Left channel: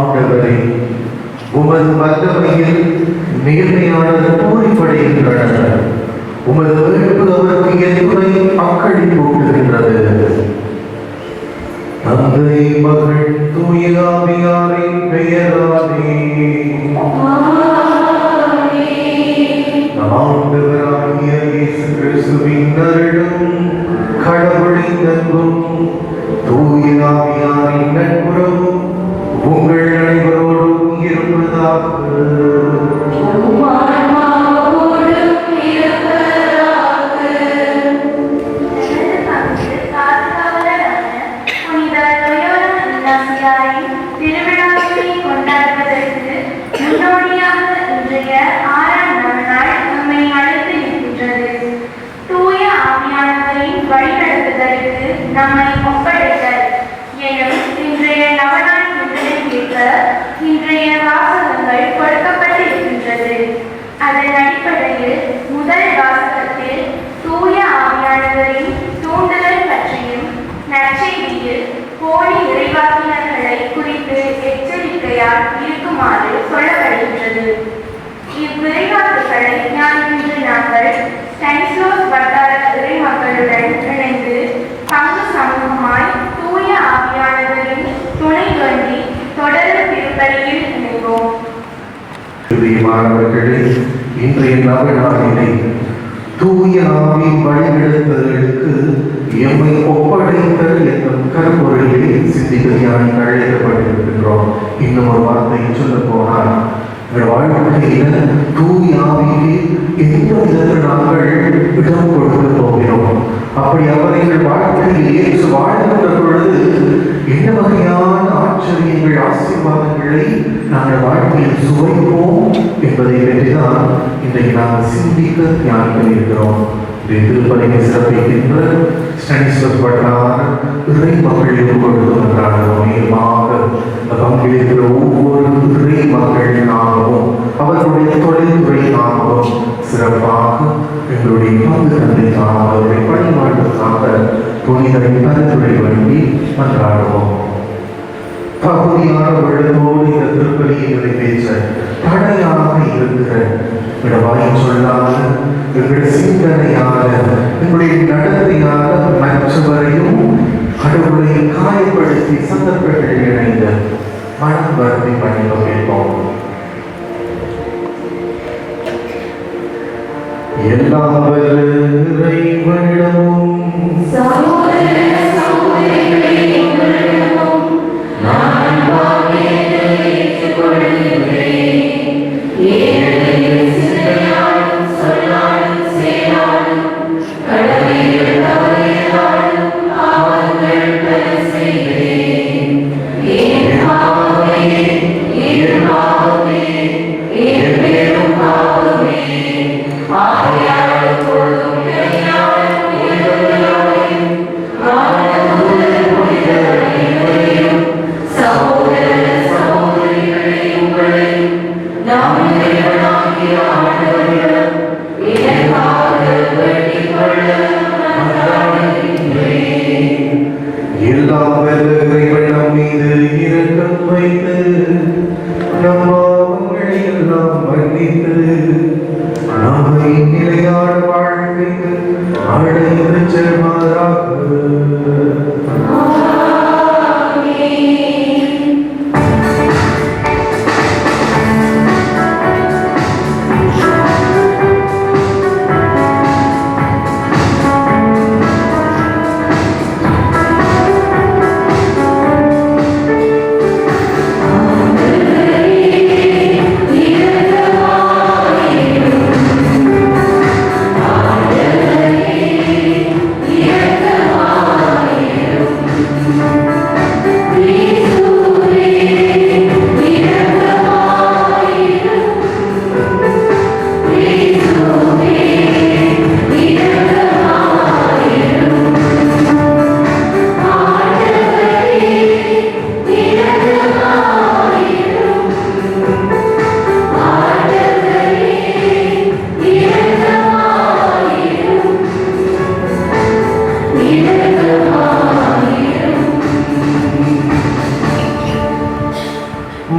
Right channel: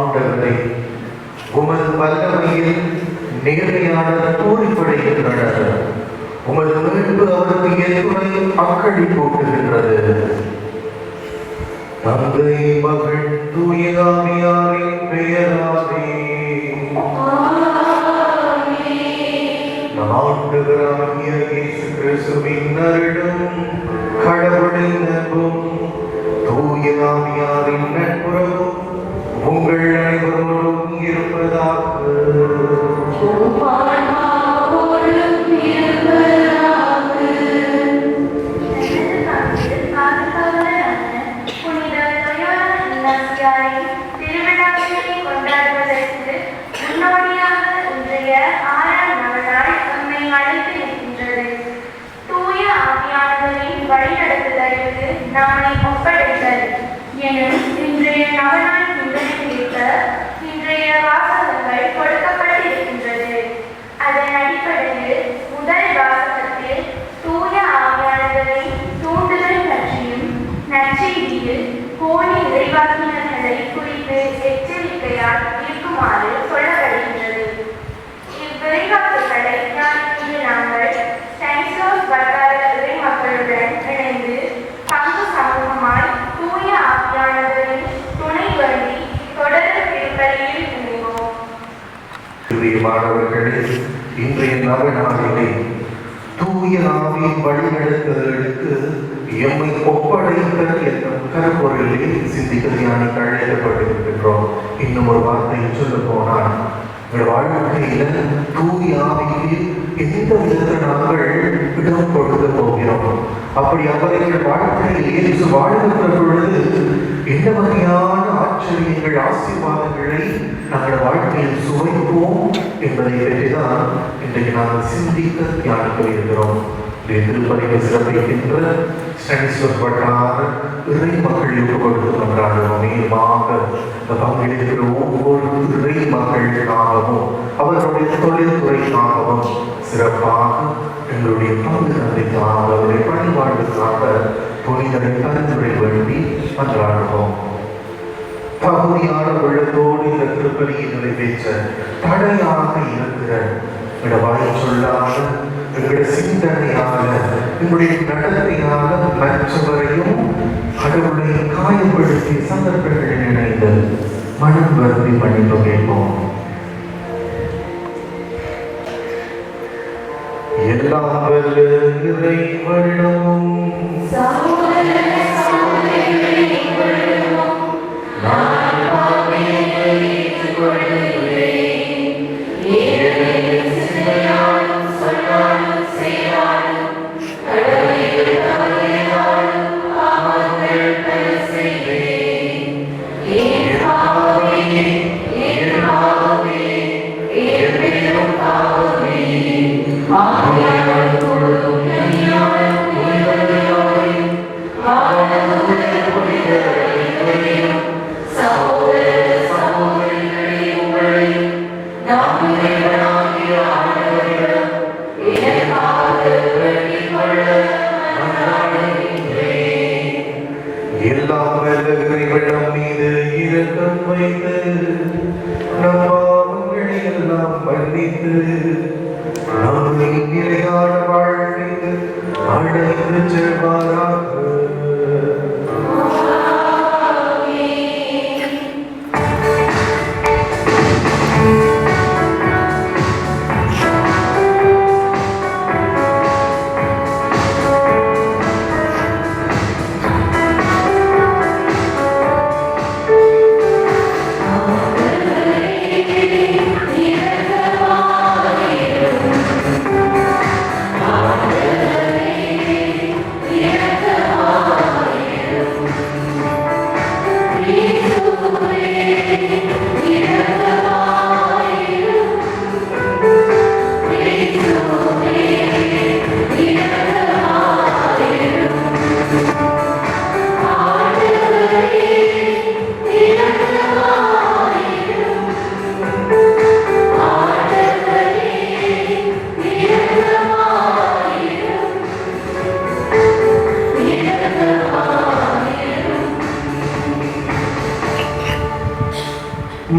ஆண்டவரே, உமது வல்லமையில் நேர்மையாளர் தூய்படுகின்றனர். உமது மீட்பு அவருக்கு எதிர்ப்புரை அக்களிப்பூட்டுகின்றது. தந்தை, மகள், தூய ஆவியாரின் பெயராலே ஆண்டவராகிய இயேசு கிறிஸ்துவின் அருளும் கடவுளின் அன்பும் தூய ஆவியாரின் நட்புறவும் உங்கள் அனைவரோடும் இருப்பதாக. இருக்குமாறு சொல்லப்படுகின்றது. இவ்விளையாட்டுகளை நான் இன்று நாங்கள் ஸ்டானிஸ்லாஸ் வட்டார இறை மக்களுடன் இணைந்து பங்கு சமூகமாய் தூய ஆவியானவரின் துணை வேண்டி தொடர்ந்து திருப்பலியில் இணைப்போம். மாணவர்களே, இன்றைய நாளிலே தூய ஆவியின் வழிநடத்துதலுக்கு எம்மை ஒப்படைத்தல் என்னும் கருப்பொருளை சிந்தித்து தியானிக்க அழைக்கப்பட்டிருக்கின்றோம். இன்னும் ஒரு வார்த்தையை சொல்ல போனால், வாழ்க்கையில் தூய ஆவிக்கு எந்த விதத்தில் நாங்கள் இடம் கொடுக்க போகிறோம். அப்படி அவர்கள் வாழ்க்கையில் வாழ்கின்ற பொழுது என்ன வகையான ஆச்சரியங்கள், ஆசீர்வாதங்களை நாங்கள் வாழ்க்கையில் சுவைப்போம் என்பதை பற்றிதான் இன்றைக்கு நாம் சிந்திக்க தியானிக்க இருக்கிறோம். திருப்பலியை சிறப்பிக்கின்ற ஸ்டானிஸ்லாஸ் வட்டார இறை மக்களுக்கு கொடுக்கின்றார்கள். பங்கிலிருக்கிற ஒவ்வொரு இறை மக்கள் நாமமும் அவர்களுடைய தொழில்துறை நாமமும் சிறப்பாக எங்களுடைய பங்கு தந்தை நாமத்தை பணிமாற்றமாக புனிதரை பரிந்துரை வேண்டி மன்றாடுவோம். பகுதியானவர்களோடு இந்த திருப்பலியை நிறைவேற்ற தடையாக இருக்கிற வாய் சொல்லாத எங்களுடைய சிந்தனையால எங்களுடைய நடத்தையால மற்றவரையும் கடவுளை காயப்படுத்தி சந்தர்ப்பங்களில் இணைந்து மனம் வருத்தி மன்னிப்பு கேட்போம். எல்லா இறைவனிடமும்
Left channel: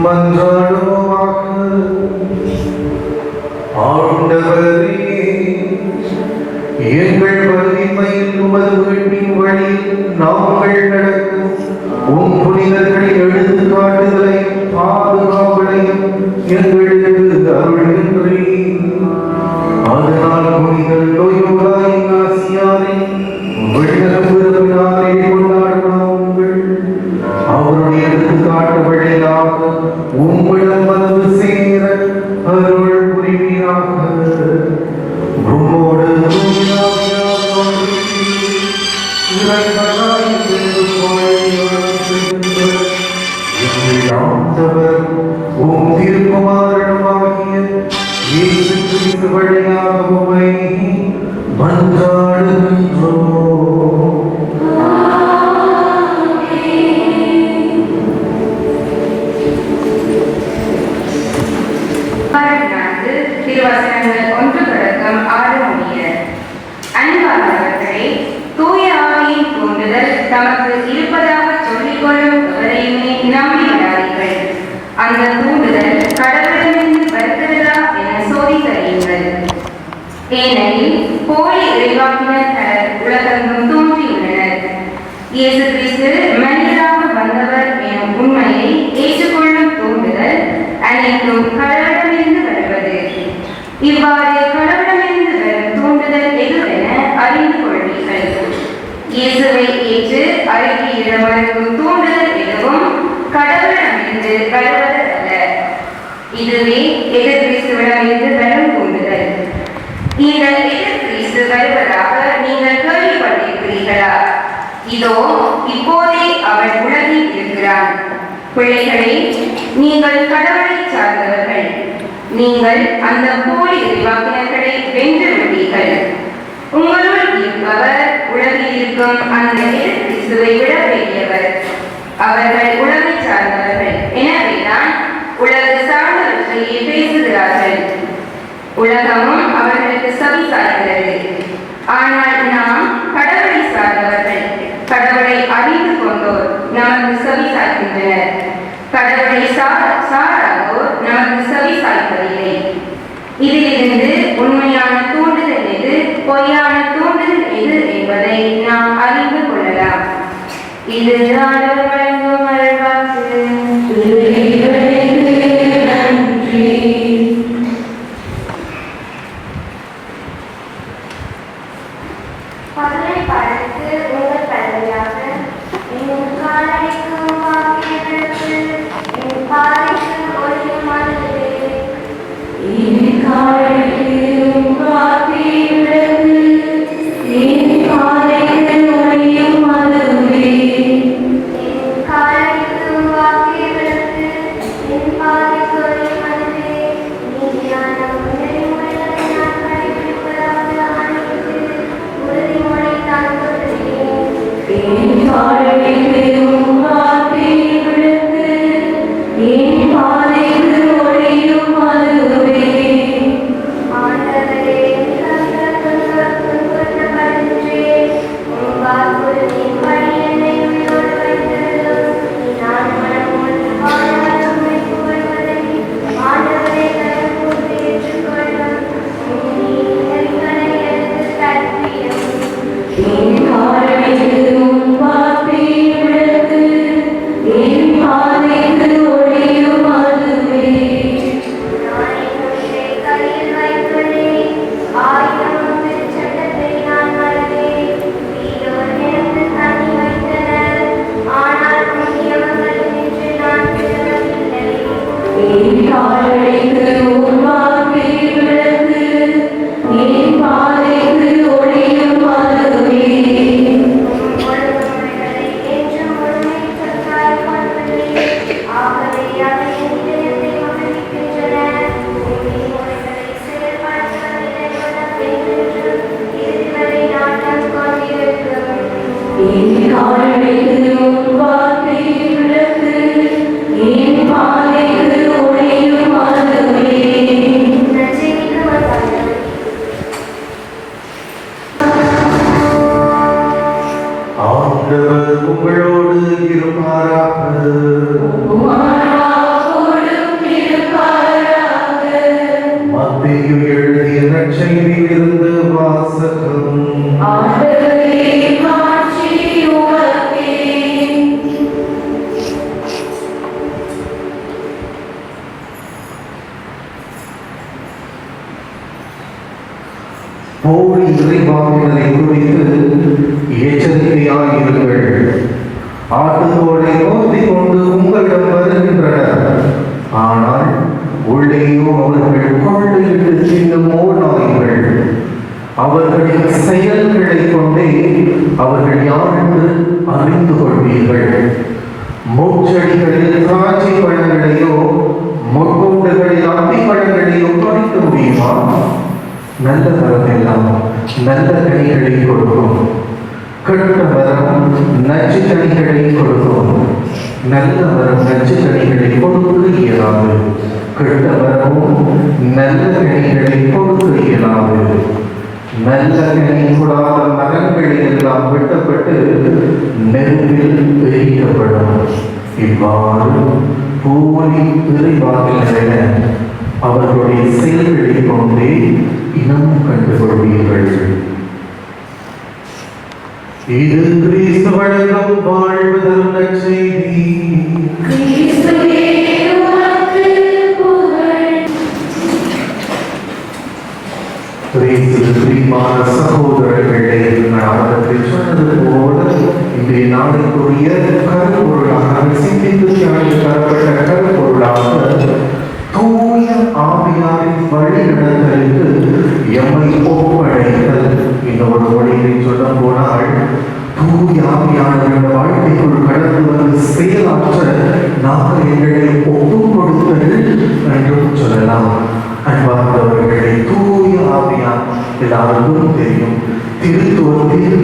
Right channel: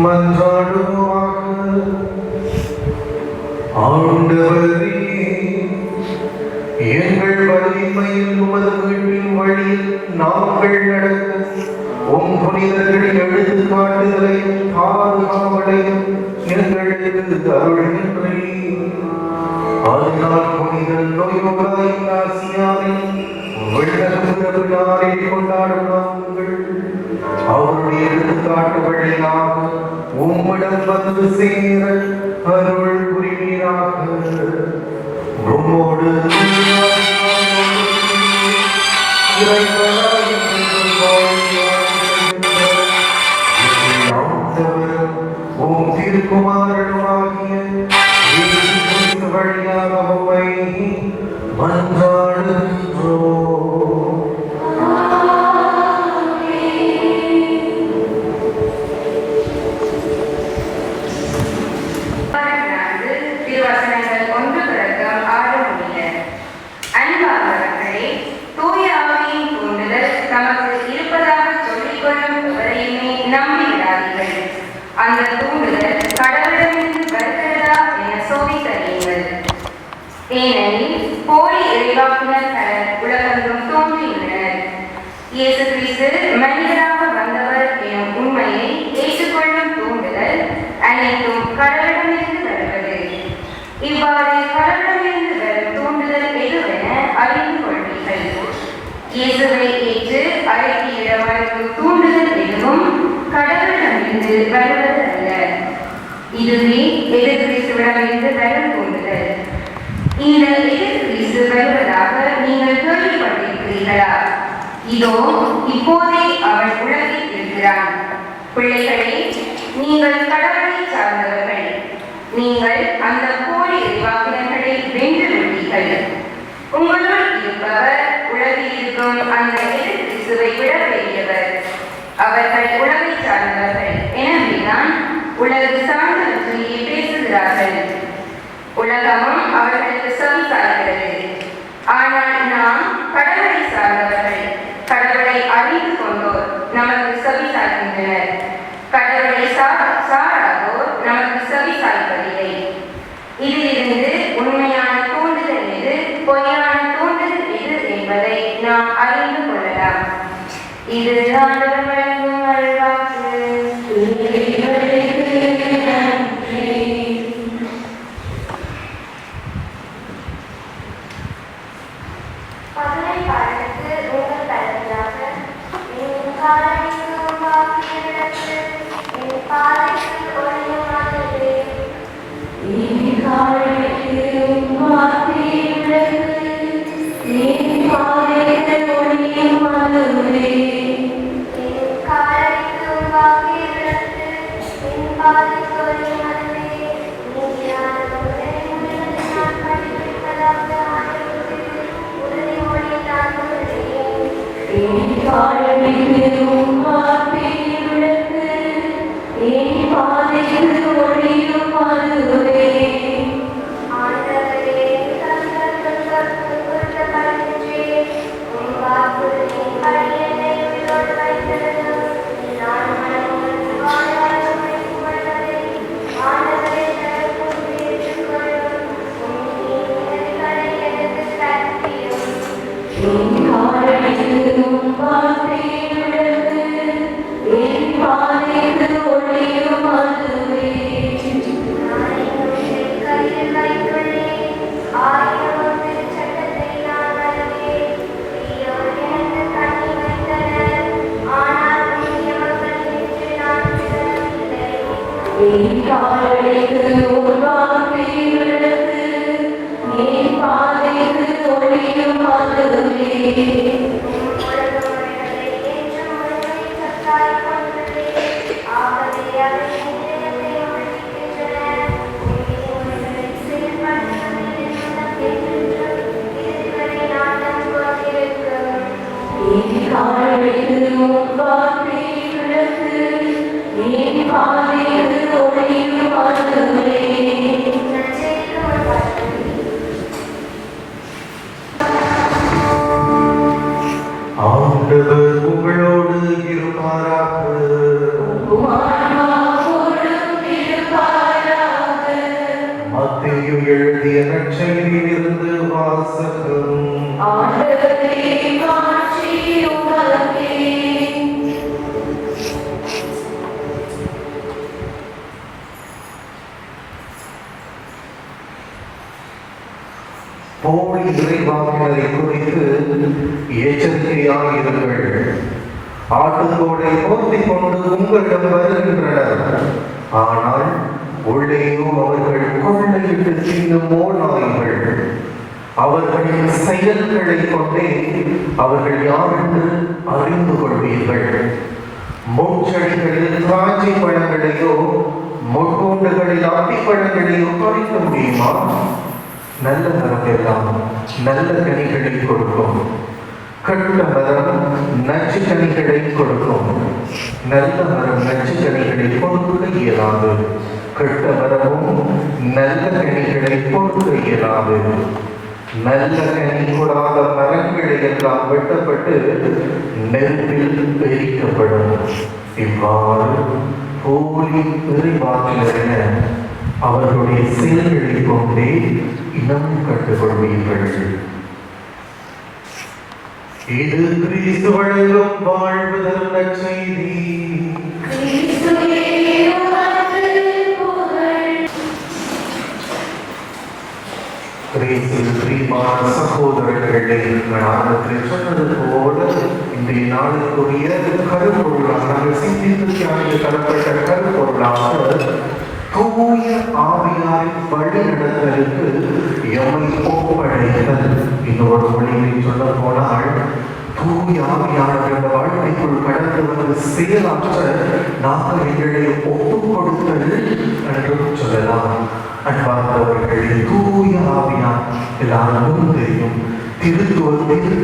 மன்றாடுவோமாக. ஆண்டவரே, எங்கள் வலிமையில் உமது வீட்டின் வழியில் நாங்கள் நடக்கும் உம் புனிதர்களின் எடுத்துக்காட்டுதலை பாதுகாவலையும் எங்களுக்கு அருள்கின்றீர். அதனால் புனிதர் லோயோலா இக்னாசியாரின் விண்ணகத்தினாலே கொண்டாடுவாங்கள். அவருடைய எடுத்துக்காட்டு வழியாக உம்மிடம் வந்து சேர அருள் புரிவீராக. உம்மோடு உம் திருக்குமாரனுமாகிய இயேசு கிறிஸ்து வழியாக உம்மை மன்றாடுகின்றோம். திருவசனங்கள் 1 தொடக்கம் 6 முடிய. அன்பானவர்களே, தூய ஆவியின் தூண்டுதல் தமக்கு இருப்பதாக சொல்லிக் கொள்ளும் எவரையுமே நம்பிவிடாதீர்கள். அந்த தூண்டுதல் கடவுளிடமிருந்து வருகிறதா என சோதித்தறியுங்கள். ஏனெனில் போலி இறைவாக்கினர் பலர் உலகெங்கும் தோன்றியுள்ளனர். இயேசு கிறிஸ்து மனிதராக வந்தவர் எனும் உண்மையை ஏற்றுக்கொள்ளும் தூண்டுதல் அனைத்தும் கடவுளிடமிருந்து வருவது. இவ்வாறு கடவுளிடமிருந்து வரும் தூண்டுதல் எதுவென அறிந்து கொள்வீர்கள். இயேசுவை ஏற்று அறிக்கையிட மறுக்கும் தூண்டுதல் எதுவும் கடவுளிடமிருந்து வருவது அல்ல. இதுவே எதிர் கிறிஸ்துவிடமிருந்து வரும் தூண்டுதல். இந்த எதிர் கிறிஸ்து வருவதாக நீங்கள் கேள்விப்பட்டிருக்கிறீர்களா? இதோ இப்போதே அவர் உலகில் இருக்கிறார். பிள்ளைகளே, நீங்கள் கடவுளை சார்ந்தவர்கள். நீங்கள் அந்த போலி இறைவாக்கினர்களை வென்று விட்டீர்கள். உங்களுள் இருப்பவர் உலகில் இருக்கும் அந்த எதிர் கிறிஸ்துவை விட பெரியவர். அவர்கள் உலகை சார்ந்தவர்கள். எனவேதான் உலகு சார்ந்தவற்றையே பேசுகிறார்கள். உலகமும் அவர்களுக்கு செவி சாய்கிறது. ஆனால் நாம் கடவுளை சார்ந்தவர்கள். கடவுளை அறிந்து கொண்டோர் நமக்கு செவி சாய்க்கின்றனர். கடவுளை சாராதோர் நமக்கு செவி சாய்ப்பதில்லை. இதிலிருந்து உண்மையான தூண்டுதல் எது, பொய்யான தூண்டுதல் எது என்பதை நாம் அறிந்து கொள்ளலாம். இது ஆண்டவர் வழங்கும் அருள்வாக்கு. பாதைக்கு ஒளியும் அதுவே போலி இறைவாக்கினரை குறித்து எச்சரிக்கையாயிருங்கள். ஆட்டுத்தோலை மோதிக் கொண்டு உங்களிடம் வருகின்றனர், ஆனால் உள்ளேயோ அவர்கள் கொள்ளையிட்டு தின்னும் ஓநாய்கள். அவர்களின் செயல்களை கொண்டே அவர்கள் யார் என்று அறிந்து கொள்வீர்கள். முட்செடிகளில் திராட்சை பழங்களையோ முட்கூண்டுகளில் அத்தி பழங்களையோ பறிக்க முடியுமா? நல்ல மரம் எல்லாம் நல்ல கனிகளை கொடுக்கும், கெட்ட மரம் நச்சு கனிகளை கொடுக்கும். நல்ல மரம் நச்சு கனிகளை கொடுக்க இயலாது, கெட்ட மரமும் நல்ல கனிகளை கொடுக்க இயலாது. நல்ல கனி கொடாத மரங்கள் எல்லாம் வெட்டப்பட்டு நெருப்பில் எரிக்கப்படும். இவ்வாறு போலி இறைவாக்கினரிடம் அவர்களுடைய செயல்களை கொண்டே இனம் கண்டுகொள்வீர்கள். இது கிறிஸ்து வழங்கும் வாழ்வதற்க செய்தி. பிரியமான சகோதரர்களே, நாடகத்தில் சொன்னது போல இன்றைய நாடுக்குரிய கருப்பொருளாக சிந்தித்து தியானிக்கப்பட்ட கருப்பொருளாக தூய ஆவியாரின் வழிநடத்தலுக்கு எம்மை ஒப்படைத்தல். இந்த ஒரு வழியை சொல்ல போனால் தூய ஆவியானவர்கள் வாழ்க்கைக்குள் கடந்து வந்து செயலாற்ற நாம் எங்களை ஒப்புக் கொடுத்தல் என்றும் சொல்லலாம். அன்பார்ந்தவர்களை, தூய ஆவியார் எல்லாருக்கும் தெரியும், திருத்துவத்தில்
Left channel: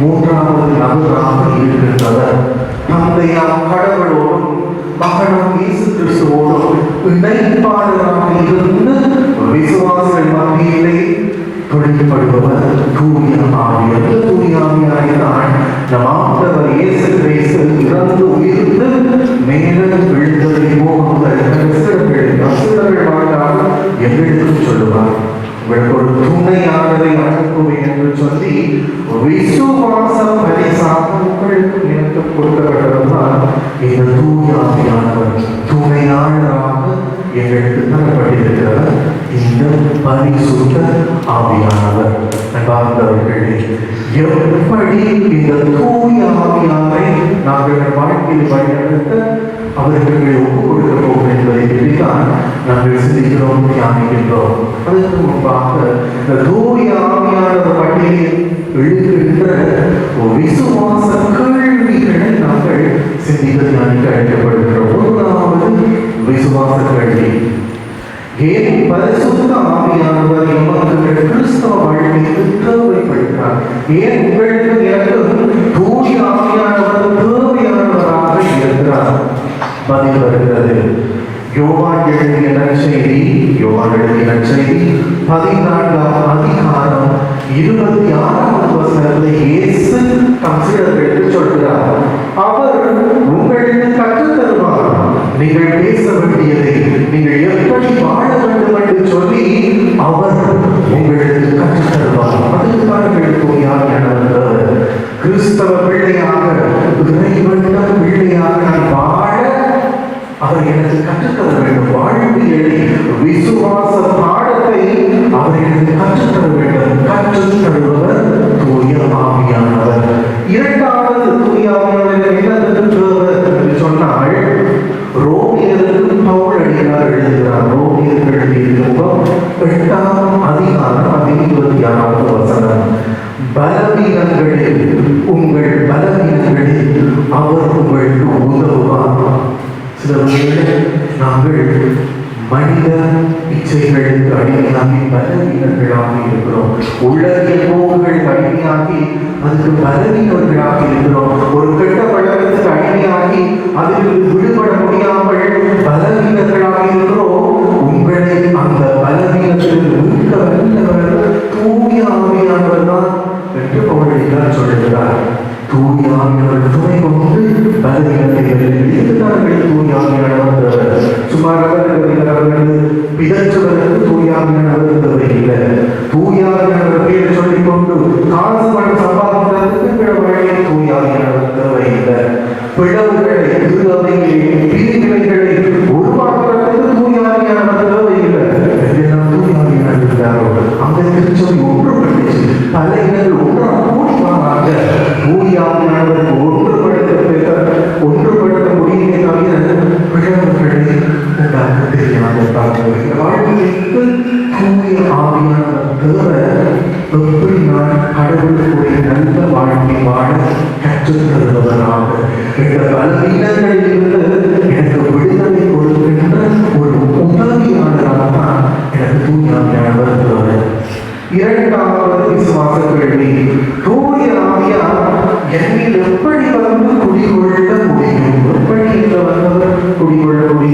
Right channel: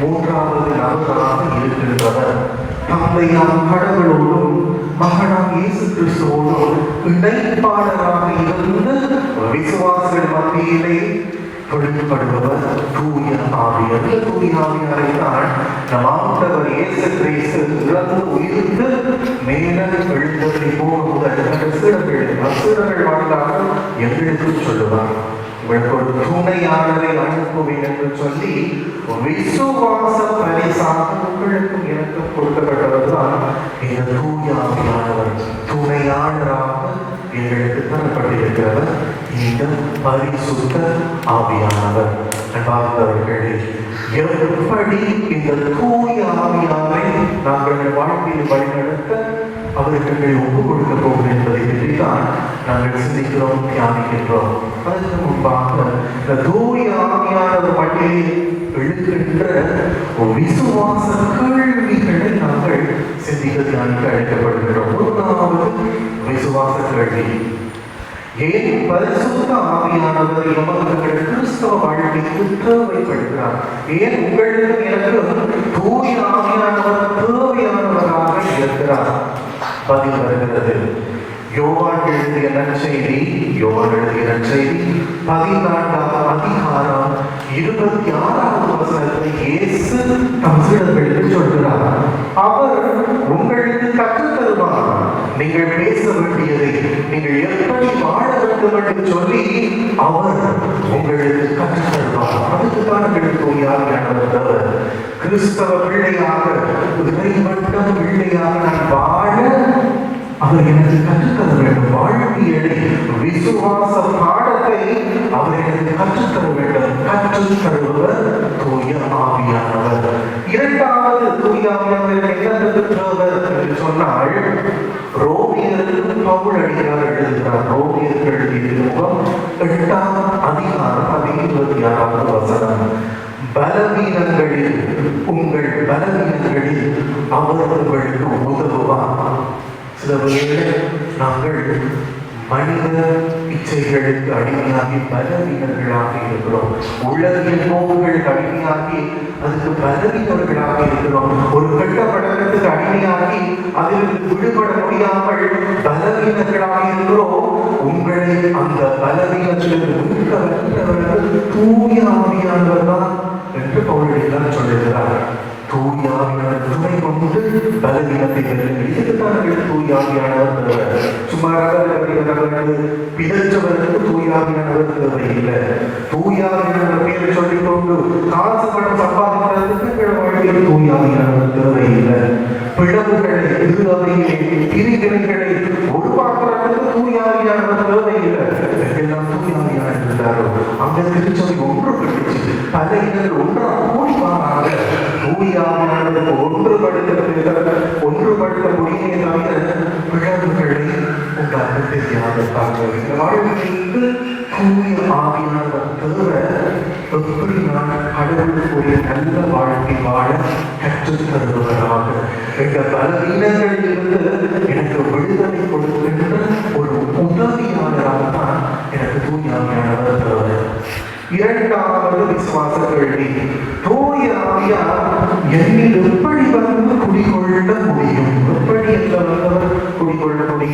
மூன்றாவது நபராக இருக்கின்றவர். தந்தையாம் கடவுளோடும் மகனாம் இயேசு கிறிஸ்துவோடும் இணைப்பாளராக இருந்து விசுவாசிகள் மத்தியிலே தொழில்படுபவர் தூய ஆவியார். தூய ஆவியாரைத்தான் ஆண்டவர் இயேசு கிறிஸ்து இறந்து உயிர்த்து மேலே விழுந்ததை போகுங்கள் எங்களுக்கு சொல்லுவார். உங்களுக்கு ஒரு துணையானதை அனுப்புவேன் என்று சொல்லி விசுவாச பரிசாக உங்களுக்கு எனக்கு கொடுக்கப்பட்டதுதான் இந்த தூய ஆவியானவர். துணையாளராக எங்களுக்கு தரப்பட்டிருக்கிறவர் இந்த பரிசுத்த ஆவியானவர். அன்பார்ந்தவர்களே, எப்படி இந்த தூய ஆவியாரை நாங்கள் வாழ்க்கையில் வழிநடத்த அவர்களை ஒப்புக் கொடுக்கிறோம் என்பதை பற்றிதான் நாங்கள் சிந்திக்கிறோம், தியானிக்கின்றோம். அதற்கு முன்பாக தூய ஆவியானவர் பட்டியலில் எழுதுகின்ற விசுவாச கேள்விகளை நாங்கள் சிந்தித்து தியானிக்க அழைக்கப்படுகிறோம். முதலாவது விசுவாச கேள்வி: ஏன் பரிசுத்த ஆவியானவர் நமக்கு கிறிஸ்தவ வாழ்க்கைக்கு தேவைப்படுகிறார்? ஏன் உங்களுக்கு எனக்கு தூய ஆவியானவர் தேவையானவராக இருக்கிறார்? பதில் வருகிறது. யோவான் எழுதிய நற்செய்தி 14ஆம் அதிகாரம் 26ஆம் வசனத்தை இயேசு தம் சீடர்களுக்கு சொல்கிறார். அவர் உங்களுக்கு கற்றுத் தருவார், நீங்கள் பேச வேண்டியதை, நீங்கள் எப்படி வாழ வேண்டும் என்று சொல்லி அவர் உங்களுக்கு கற்றுத் தருவார். அதுதான் கிறிஸ்தவ பிள்ளையாக, இறைவன பிள்ளையாக வாழ அவர் எனக்கு கற்றுத்தர வேண்டும். வாழ்வியலை, விசுவாச பாடத்தை அவர் எனக்கு கற்றுத்தர வேண்டும். கற்றுத்தருவர் தூய ஆவியானவர். இரண்டாவது தூய ஆவியானவர் என்று சொன்னால் ரோமியருக்கு பவுல் அடிகளார் எழுதுகிறார். ரோமியர்கள் எழுதிய 8ஆம் அதிகாரம் 26ஆம் வசனம்: பலவீனங்களில் உங்கள் பலவீனங்களில் அவர் உங்களுக்கு உதவுவார். நாங்கள் மனித இச்சைகளுக்கு அடிமையாகி பலவீனர்களாக இருக்கிறோம். உலகில் போக்குகள் அடிமையாகி அதுக்கு பலவீனர்களாக இருக்கிறோம். ஒரு கெட்ட பழக்கத்துக்கு அடிமையாகி அதில் விடுபட முடியாமல் பலவீனர்களாக இருக்கிறோம். உங்களை அந்த பலவீனத்தில் தூய ஆவியானவர் தான் என்று பவுல் சொல்லுகிறார். தூய ஆவியானவர் துணை கொண்டு பலவீனத்தை தூய ஆவியானவர் சுமார் பிதற்றுவதற்கு தூய ஆவியானவர் தேவையில்லை. தூய ஆவியானவர் பேரை சொல்லிக் கொண்டு காசு பணம் சம்பாதிக்கிறதுக்கு வழியில் தூய ஆவியானவர் தேவையில்லை. பிளவுகளை திருவையை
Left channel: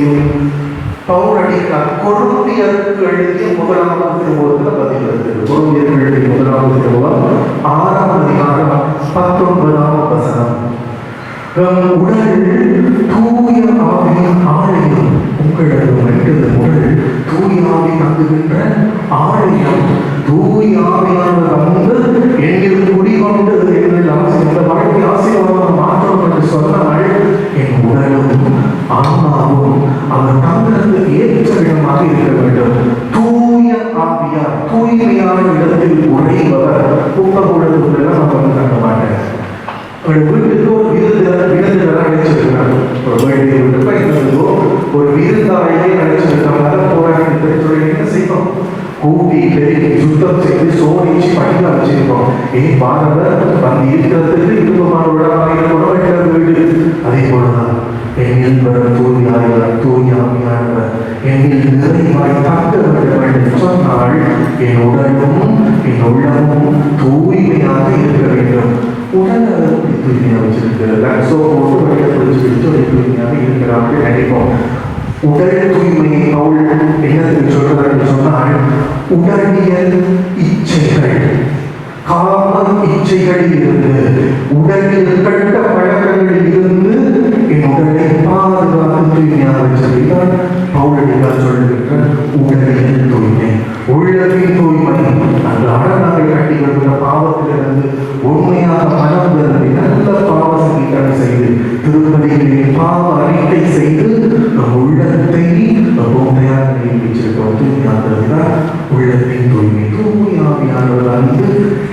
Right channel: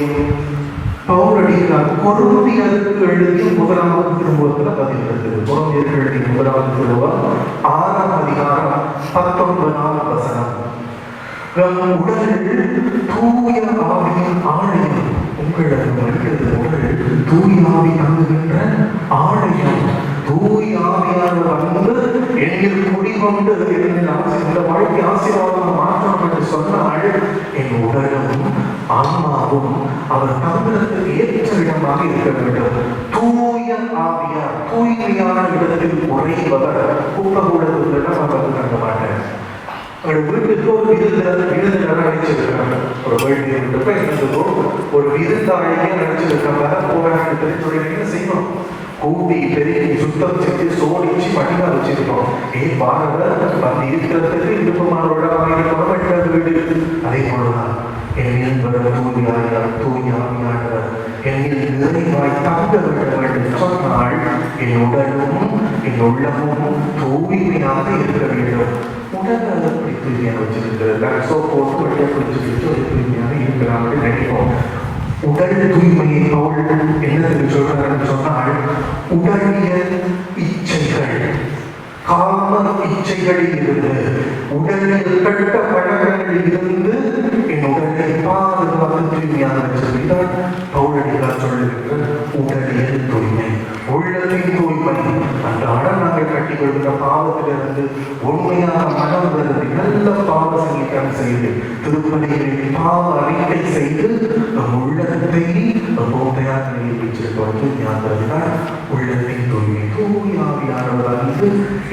பகுதியும் பவுலடியார் கொரிந்தியருக்கு எழுதிய முதலாவது திருமுகத்தில் பதிவிருக்கிறது. கொரிந்தியருக்கு எழுதிய முதலாவது திருமுகம் 6ஆம் அதிகாரம் 19ஆம் வசனம். உடல் தூய ஆவியின் ஆலயம், உங்களது உடல் தூய ஆவி தங்குகின்ற ஆலயம். தூய ஆவியானவர் வந்து எங்கள் குடிகொண்டு இந்த வாழ்க்கை ஆசீர்வாதம் மாற்றம் என்று சொன்னால் என் உடலும் ஆன்மாவும் அவர் தங்குறதுக்கு ஏற்ற இடமாக இருக்க வேண்டும். தூய ஆவியார் தூய்மையான இடத்தில் உரைப்பவர் குப்பகுடத்துக்குள்ள நம்ம வந்து நம்ப மாட்டேன். வீட்டுக்கு ஒரு விருந்தினரை அழைச்சிருக்கோம். ஒரு வீட்டுக்கோ ஒரு விருந்தாளியை அழைச்சிருக்க போராட்டத்தை என்ன செய்யணும்? கூட்டி பெருக்கி சுத்தம் செய்து சோடிச்சு படிக்க வச்சிருக்கோம். பாரத வந்து இருக்கிறதுக்கு வீடு. அதே போலதான் என்னில் தூயாமையான என்னில் நிறைவாய் காக்க வேண்டும் என்று சொன்னால் என் உடலும் என் உள்ளமும் தூய்மையாக இருக்க வேண்டும். உடலை தூய்மையாக வச்சிருக்கிறார்கள், தூய்மையாக இருக்கிறார்கள் நினைப்போம். உடல் தூய்மையை பவுல் என்னத்தில் சொல்றார் என்று சொன்னால், உடலியல் இச்சைகள், காம இச்சைகளில் இருந்து, உடலில் கட்ட பழக்கங்களில் இருந்து என் உடலை பாதுகாத்து தூய்மையாக வச்சிருக்கிறார். பவுல் சொல்லுகின்ற உடலியல் தூய்மை, உள்ளத்தின் தூய்மை. அந்த ஆடநாங்கள் கட்டி விடுகிற பாவத்திலிருந்து உண்மையாக மனம் நல்ல பாவ சங்கீதம் செய்து திருப்பதிகளில் பாவ அறிக்கை செய்து உள்ளத்தை உண்மையாக வச்சிருக்க தூய்மையாக உள்ளத்தின் தூய்மை. தூய்மையானவர் வந்து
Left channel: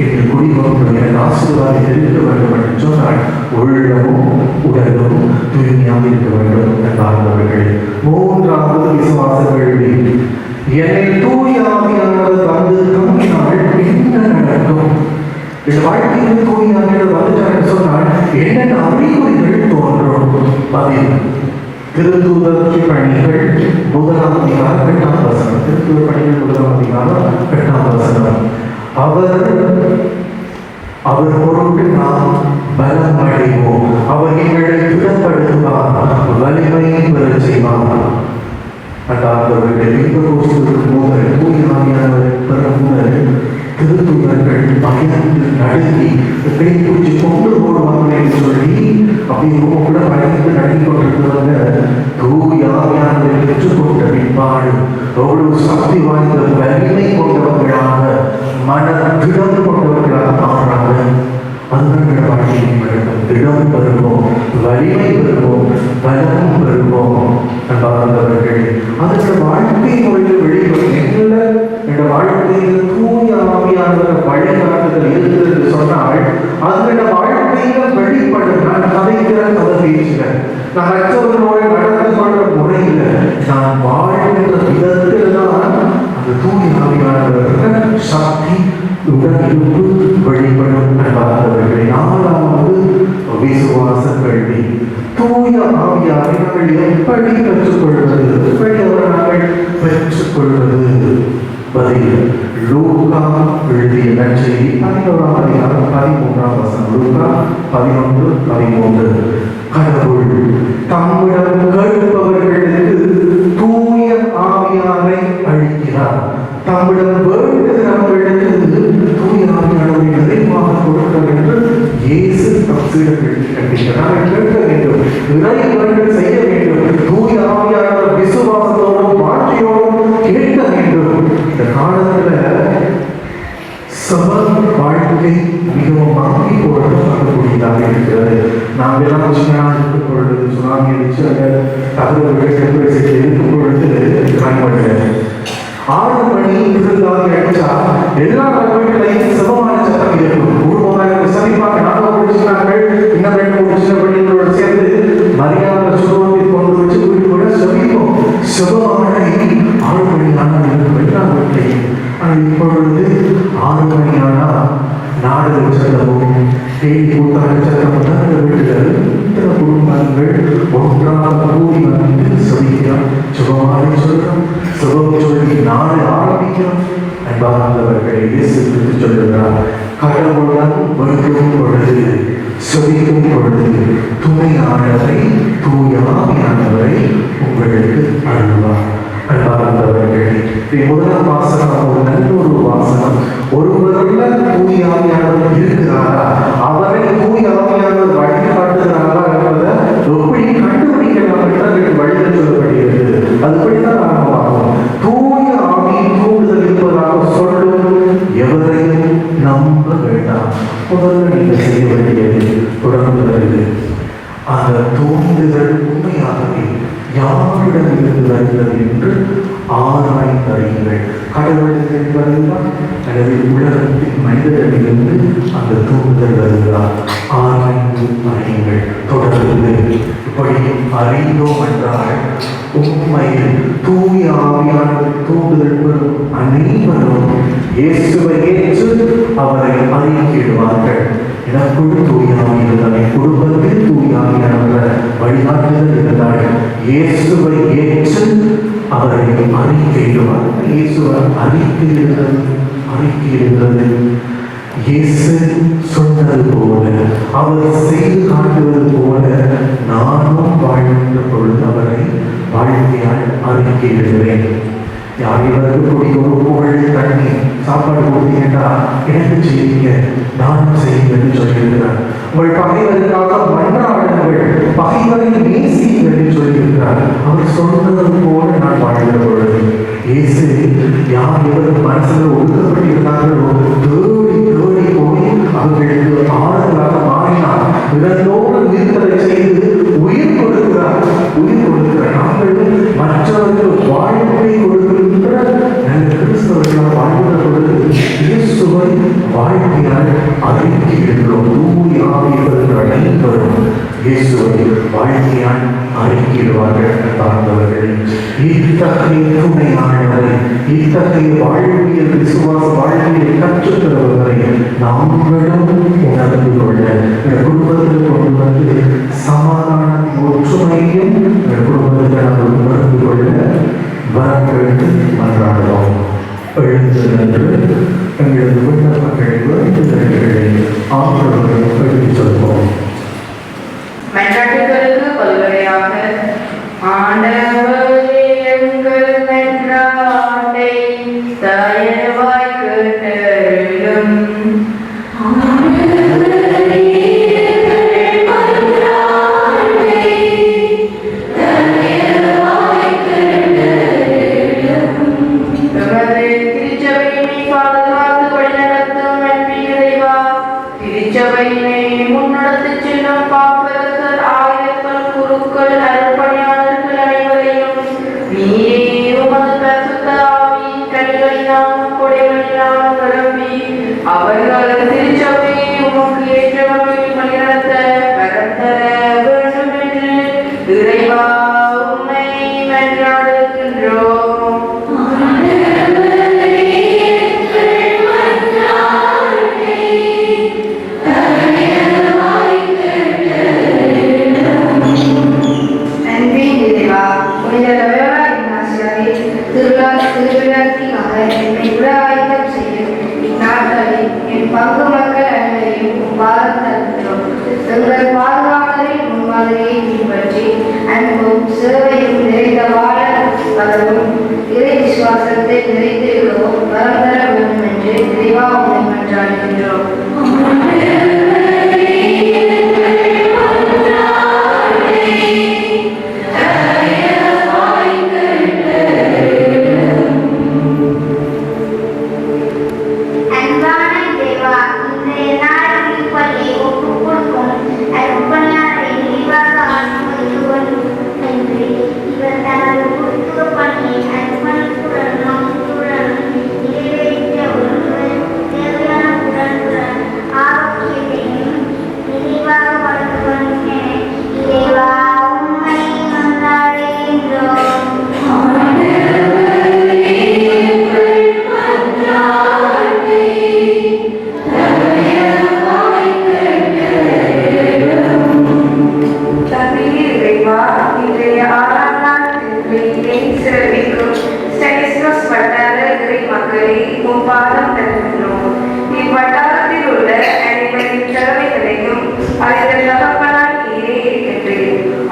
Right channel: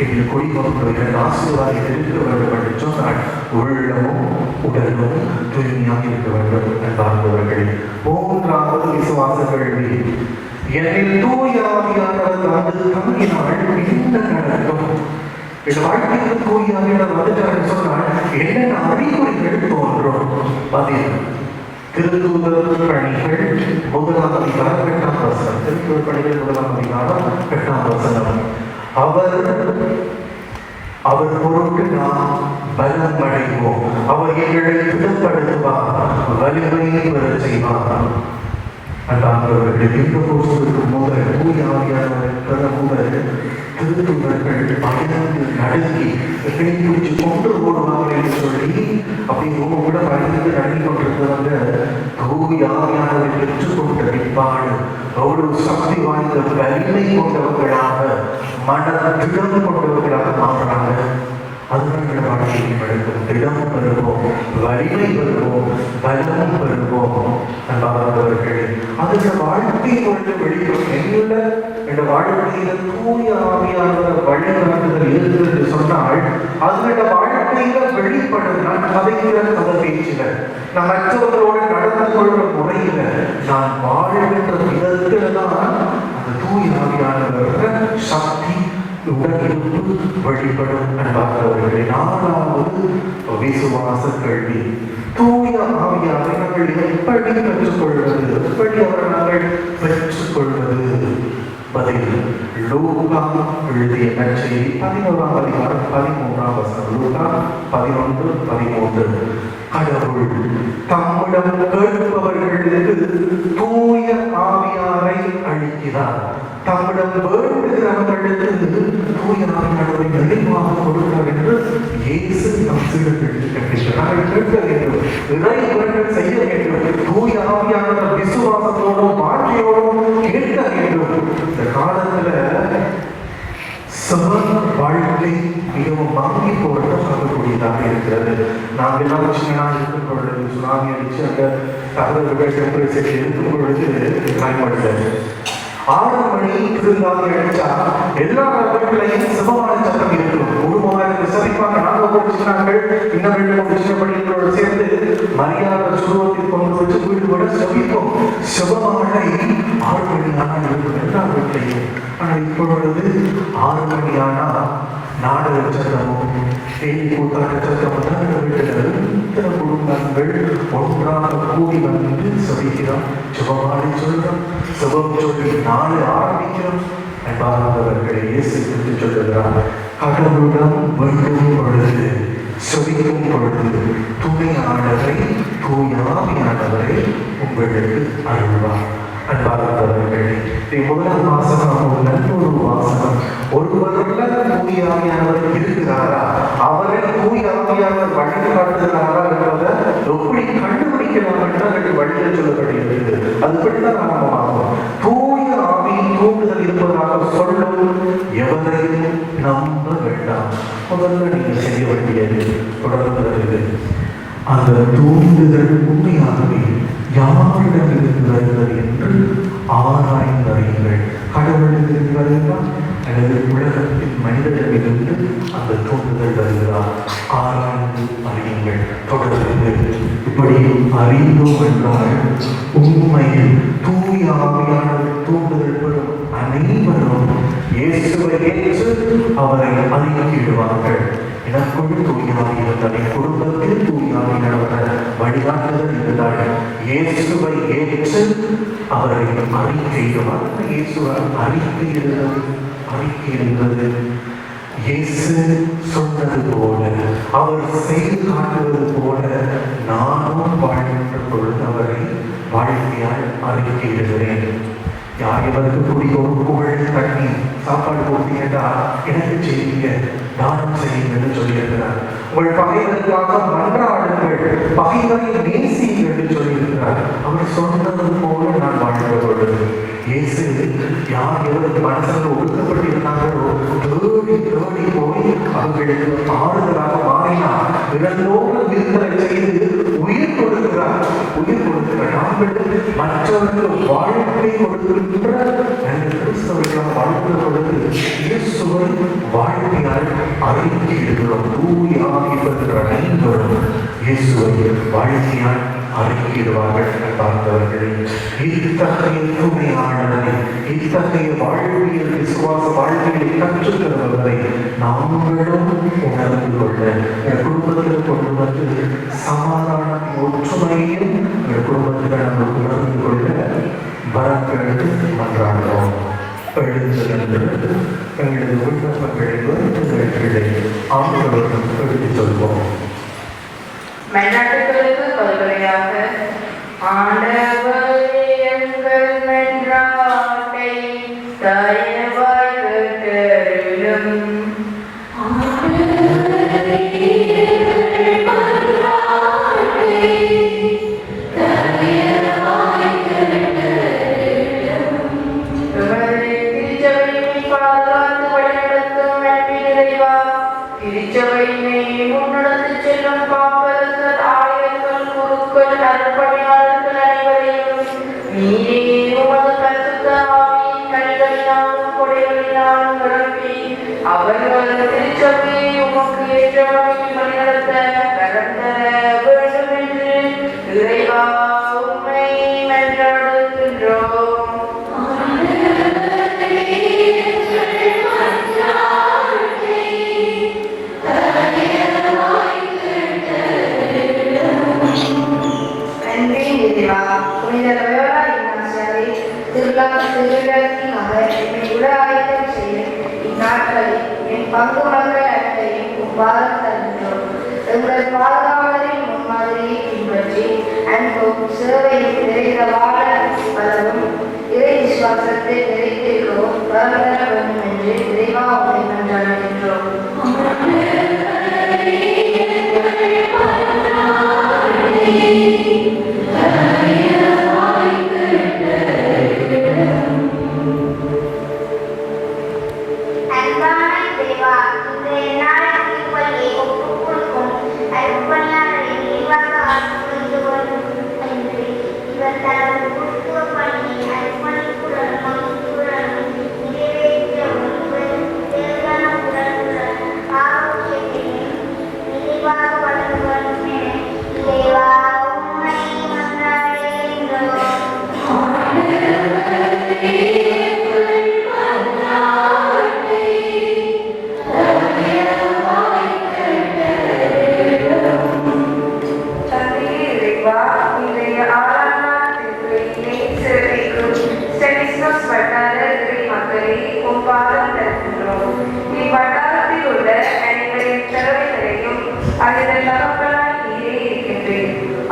என் குடிமக்களுடைய ஆசீர்வாதம் இருக்க வேண்டும் என்று சொன்னால் உள்ளமும் உடலும் தூய்மையாக இருக்க வேண்டும் என்பார்கள். மூன்றாவது விசுவாச கேள்வி, என்னை தூய்மையானவர் வந்து தூங்கினால் என்ன நடக்கும்? வாழ்க்கையில் தூய்மையானவர் வந்து சொன்னால் என்னென்ன அறிகுறிகள் தோன்றும்? பதில் திருத்தூதர் பணிகள் 1ஆம் அதிகாரம் 8ஆம் வசனம். திருத்தூதர் பணிகள் 1ஆம் அதிகாரம் 8ஆம் வசனம். அவர் பொருட்டு நாம் பலம் அடைவோம். அவர் எங்களை திடப்படுத்துவார், வலிமையை பெற செய்வார். திருத்தூதர்கள் பயந்து நடத்தி எப்படி பூச்சி கொண்டு போடுவாங்க சொல்லி அப்படி கூட பயந்து நடத்தி கொண்டிருக்கிறவங்க தூயாவியானதை பெற்றுக்கொண்ட பின்பாடு எவ்வளவு சக்தி வாய்ந்த வலிமை கொண்டவர்களாக மனதிடம் கொண்டவர்களாக மாறுறாங்க. அந்த வாழ்க்கையை திடம் பெறுவோம், வலிமை பெறுவோம், பலம் பெறுவோம். அவர்கள் அந்த வாழ்க்கையை கொண்டு வெளிப்படுத்த இந்த வாழ்க்கையில் தூய ஆவியானவர் வழிகாட்டுதல் இருக்கிறது என்று சொன்னால் அதோட வாழ்க்கையில வெளிப்படுத்த கதைக்கிற கதை பேச்சுல நான் மற்றவர்களோடு நடந்து கொள்ள முறையில் நான் வாழ்கின்ற விதத்தில் தான் அந்த தூய ஆவியானவர் சாத்தி உடலுக்கு வெளிப்படும் என்பார்கள். 4வது விசுவாச கேள்வி, தூய ஆவியானவர்கள் எப்படி பெற்றுக்கொள்வது? எப்படி அவர் நாங்கள் பெற்றுக்கொள்வது? பதில் லூக்கா எழுதிய நற்செய்தி 11ஆம் அதிகாரம் 13ஆம் வசனம். லூக்கா 11:13. கடவுள் தம்மிடம் கேட்பவர்களுக்கு தூய ஆவியாரை அளிக்கிறார். தம்மிடம் வேண்டுகிறவர்களுக்கு தூய ஆவியாரை நிறைவாக கொடுக்கிறார் என்று இயேசு பரிசுகளுக்கு கண்டிக்கிறார். கேட்க வேண்டும், இறைவர்கள் செய்ய வேண்டும். தூய ஆவியானவர் விசுவாசத்தோடும் வாழ்க்கையோடும் கேட்க முதல் வாசகம் ஒரு நல்ல ஒரு வாசகம். ஒருவருள்ள தூய ஆவியானவர் இருக்கிறாரா, அவரை தூய ஆவியானவர் வழிகாட்டுகிறாரா என்பதை எப்படி கண்டுபிடிக்கலாம் என்று வழியில் சொல்லப்படுகிறது. அதுபடிதான் நாம் பார்ப்போம். தூய ஆவியின் தூண்டுதல் இருப்பதாக சொல்லும் எவரையும் நம்ப வேண்டாம். முதல்ல நீங்கள் செய்ய வேண்டியது தொடர்ந்து அந்த தூண்டுதல் உண்மையாகவே யாரிடமிருந்து வருகிறது என்று ஆராய்ந்தறியுங்கள். கடவுளிலிருந்து வருகிறா அல்லது உலகத்தின் மனிதரிடமிருந்து அந்த தூண்டுதல் வருகிறா, ஆராய்ந்து அறியுங்கள். தொடர்ந்து இப்படி அறிந்தோம் என்றால் உண்மையில் தூய ஆவியானவர் தூண்டுதல் பெறும் அனைவரும் இயேசுவை ஏற்று அவரை அறிக்கையிடுவார்கள். எனக்குள் தூய ஆவி இருந்தால், என் குடும்பத்தில் தூய ஆவியானவர் வழிகாட்டுதல் இருந்தால் இயேசுவை ஏற்று அவரை அறிக்கையிடுவார். இயேசுவை அறிக்கையிடுகிறது. இயேசு சொன்னது போல, அவர் செய்து காட்டுவது போல நானும் வாழ்ந்த பொழுது அவரை வாழ்க்கையால் அறிக்கையிடுகிறேன். யாரிவருக்கு கூடிய ஒரு புகழ் தண்ணி சாப்பாடு கொடுத்தீங்கன்னா எனக்கு செய்யுங்க, நானும் செய்யுங்க என்று சொல்லியிருக்கிறார். உங்கள் பகைவருக்காக மன்றாடுங்கள், பகைவரை நேசிங்கள் என்று சொல்லியிருக்கிறார். அவர் சொன்னது போல நான் வாழ்ந்த பொழுது இயேசு யார் இவர் மனசில் ஒடுக்கப்பட்டிருந்தார்களோ தேடி தேடி போய் அவர்களுக்கு ஆறுதலாக மாறினார். இதனோடு விருந்தலை செய்து உயிர் கொடுக்கிறார். நாங்கள் மற்றவர்கள் வாழ்க்கை கொடுக்கின்ற நல்ல கிறிஸ்தவர்களால் வாழ்ந்த பொழுது இயேசுவை வாழ்க்கையால் அறிக்கையிடுகிறோம். தூய ஆவியானவர் அனைவரும் இயேசுவை வாழ்க்கையால் அறிக்கையிடுவார்கள். என்பவர்களை இத்தகைய துணையாளரை, இத்தகைய வாழ்வியல் விசுவாச வாழ்வியலை கற்றுத்தருவதை நாங்களும் உணர்ந்து கொள்ள இந்த குடும்பத்தில் கொண்டு வந்து சமாதானத்தின் ஒற்றுமையும் இந்த குடும்பத்தில் நாங்கள் உணர்ந்து கொள்ள வரங்களுக்கு மன்றாடுவோம். எழுந்து எங்களது விண்ணப்பங்கள் வேண்டுதல்களை ஆண்டவர்கள் எடுத்துச் சொல்வோம். மன்றாட்டுகளுக்கு பல்வகையாக ஆண்டவர் எங்கள் மன்றாட்டை தயவாய் கேட்டருளும். திருச்சபையினை பாதுகாத்து வழிநடத்தும் நன்மை இறைவா, திருச்சபையினை முன்னெடுத்துச் செல்லும் பாப்பரசர், ஆயர்கள், குருக்கள், அருட்பணியாளர்கள் அனைவரையும் நீரே உமது பரிசுத்த ஆவியின் கனிகளினால் கொடைகளினால் நிரப்பி அவர்கள் திருச்சபையை உமக்கு ஏற்ற வகையில் வழிநடத்த கரம் தர வேண்டும் என்று இறைவா உம்மை மன்றாடுகின்றோம். என் பங்கு மக்கள் அனைவரையும் பாரம் தருகிறோம். எங்கள் பாதுகாவலை முன்மாதிரியை பின்பற்றி அன்பும் சிறுவையும் நிறைந்த வாழ அதனும் இறை விசுவாசத்தை நிறைந்திருக்கவும் வரம் தர வேண்டும் என்று நிறைவாக மன்றாடுகின்றோம்.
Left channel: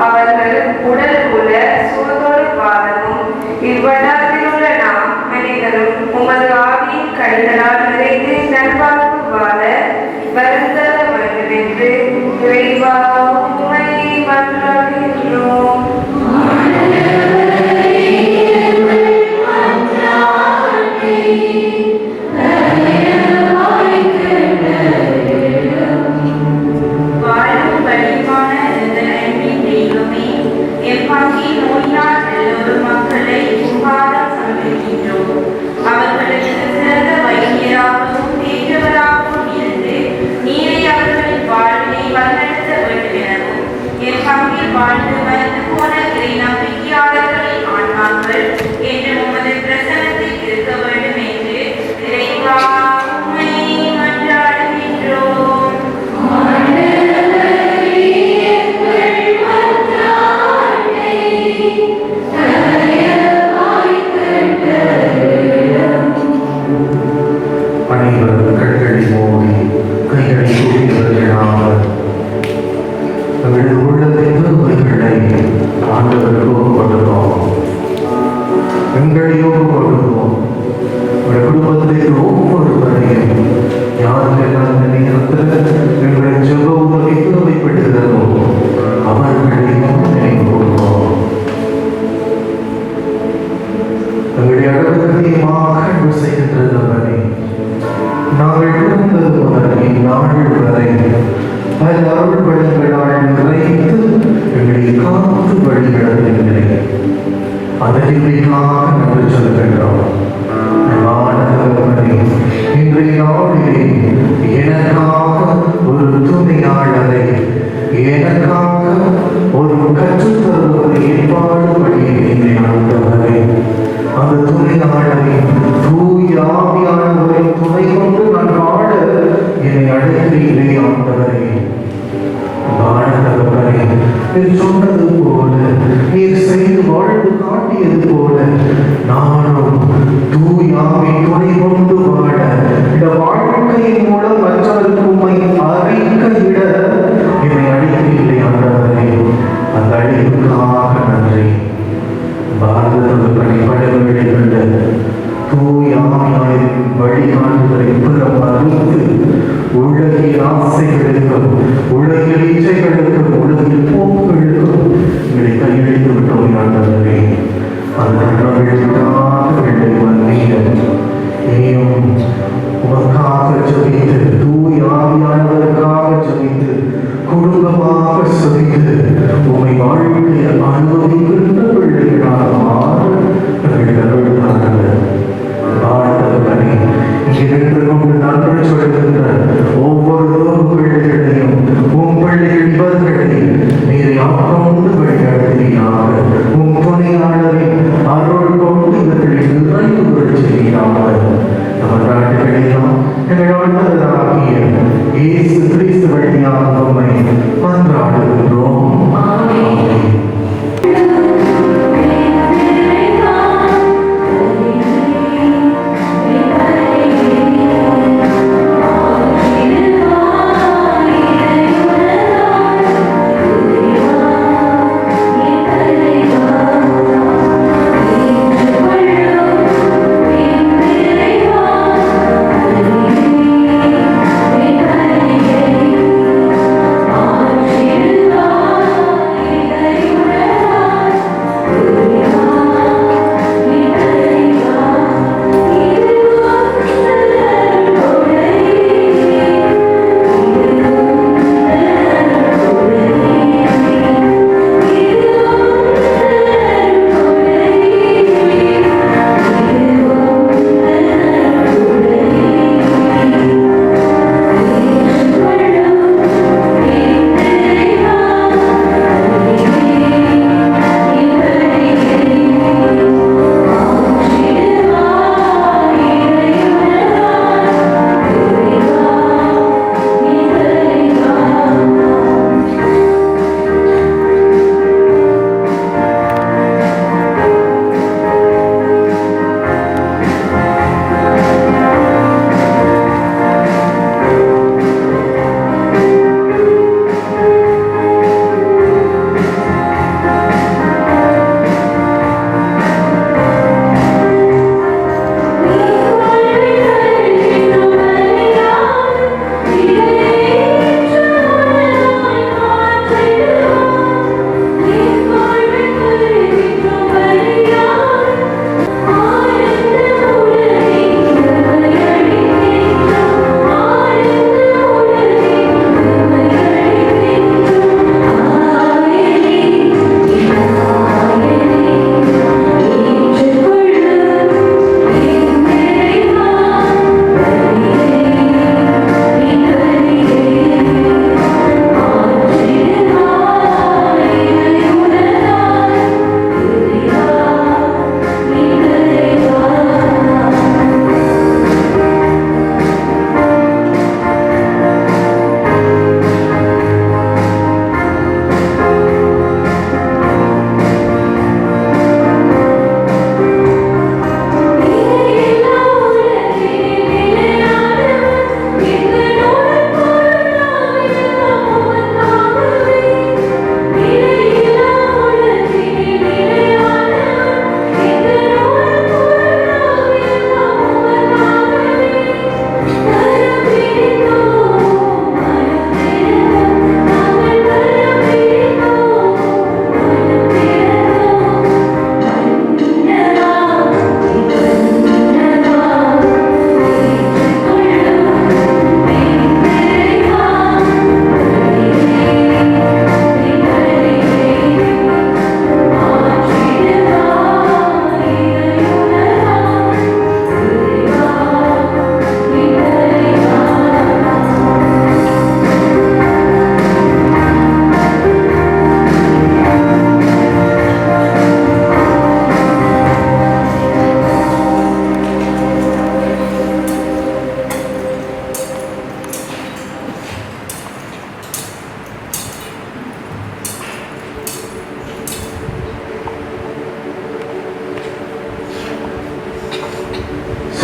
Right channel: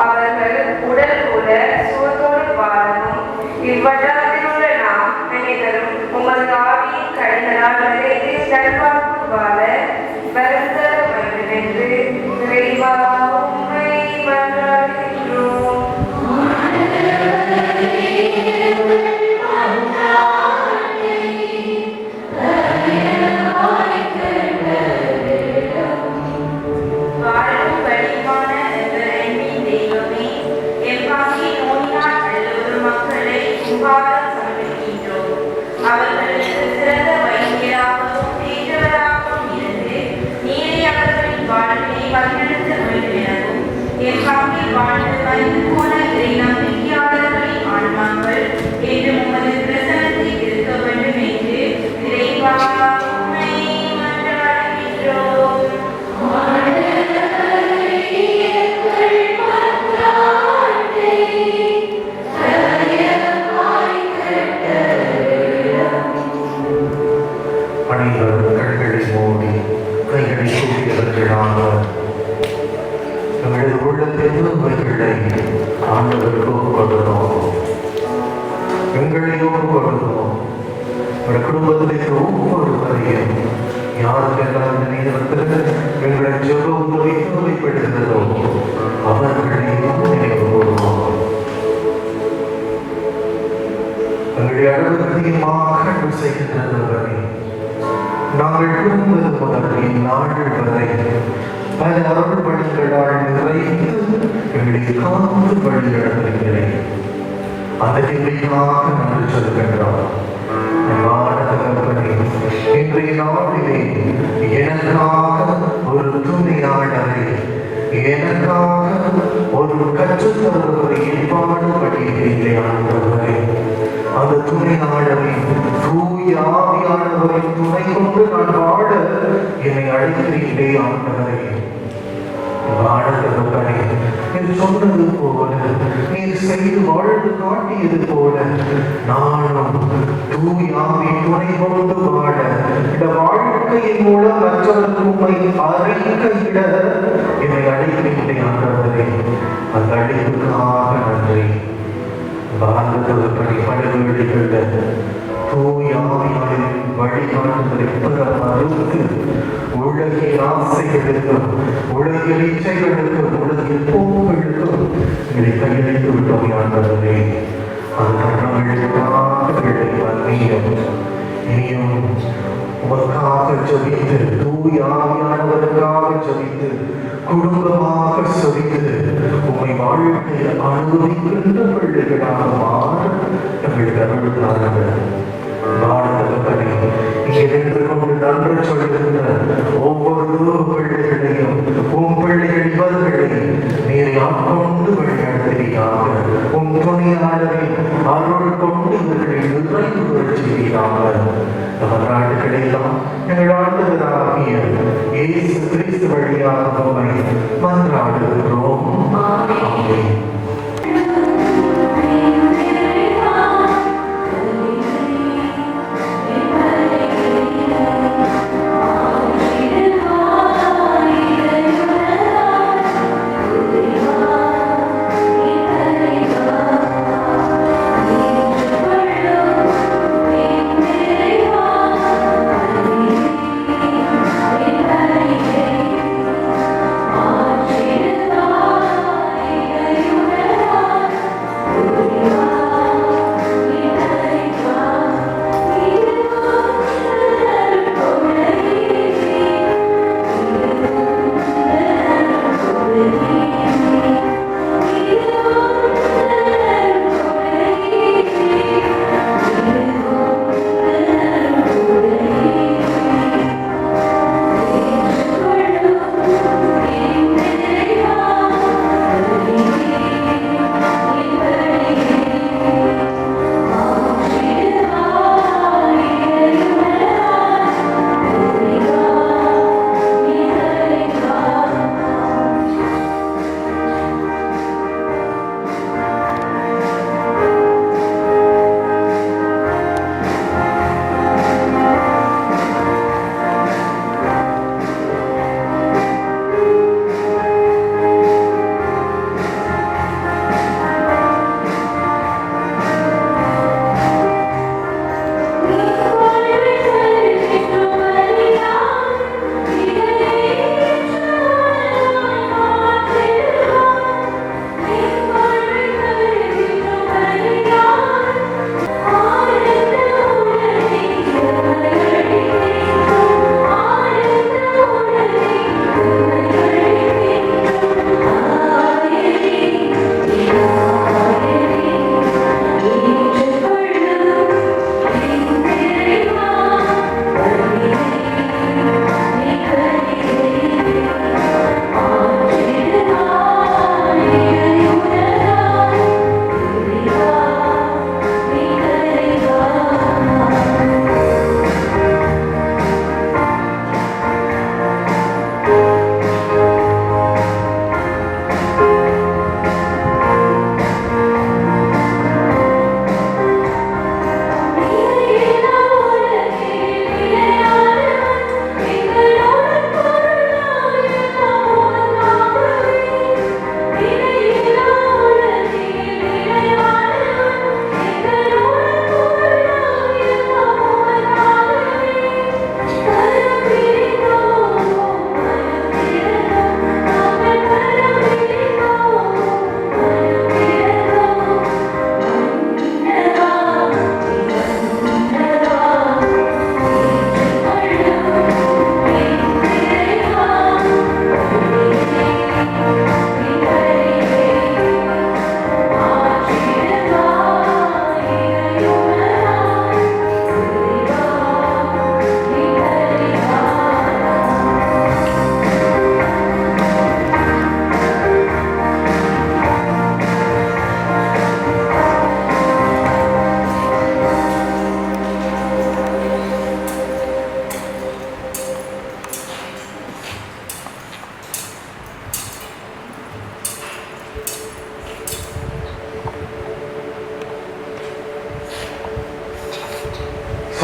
அவர்கள் உடல் உள்ள சுகதொரு பாதமும் இவ்வட்டாரத்தில் உள்ள நாம் அனைவரும் உமது ஆவியின் கனிகளால் நிறைந்து நல்வாழ்வு வாழ வருந்தர வருவென்று இறைவா உம்மை மன்றாடுகின்றோம். உலகில்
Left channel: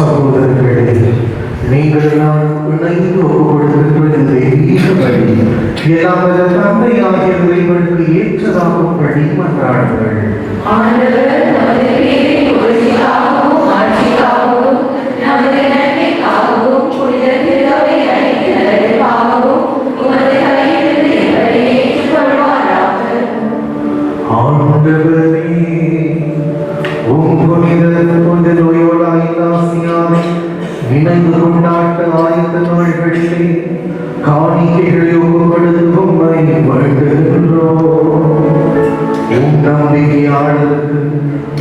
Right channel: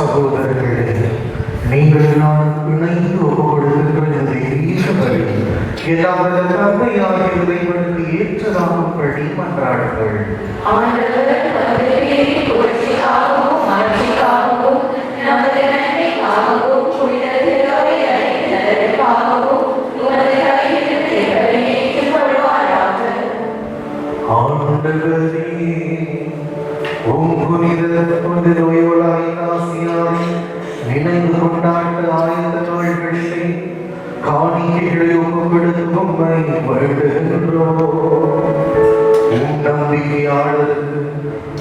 சகோதரர்களே, நீங்கள் நான் இணைந்து கொடுத்திருக்கிறது ஈஸ்வரி ஏதாவது தந்தையாகிய இறைவனுக்கு ஏற்றதாகும்படி மன்றாடுங்கள். நினைந்து கொண்டாட்ட ஆய்ந்த நாள்களிலே காணிக்கைகளை ஒப்புக்கொடுக்கும்பை வேண்டுகின்றோம். நம்பிக்கையாளர்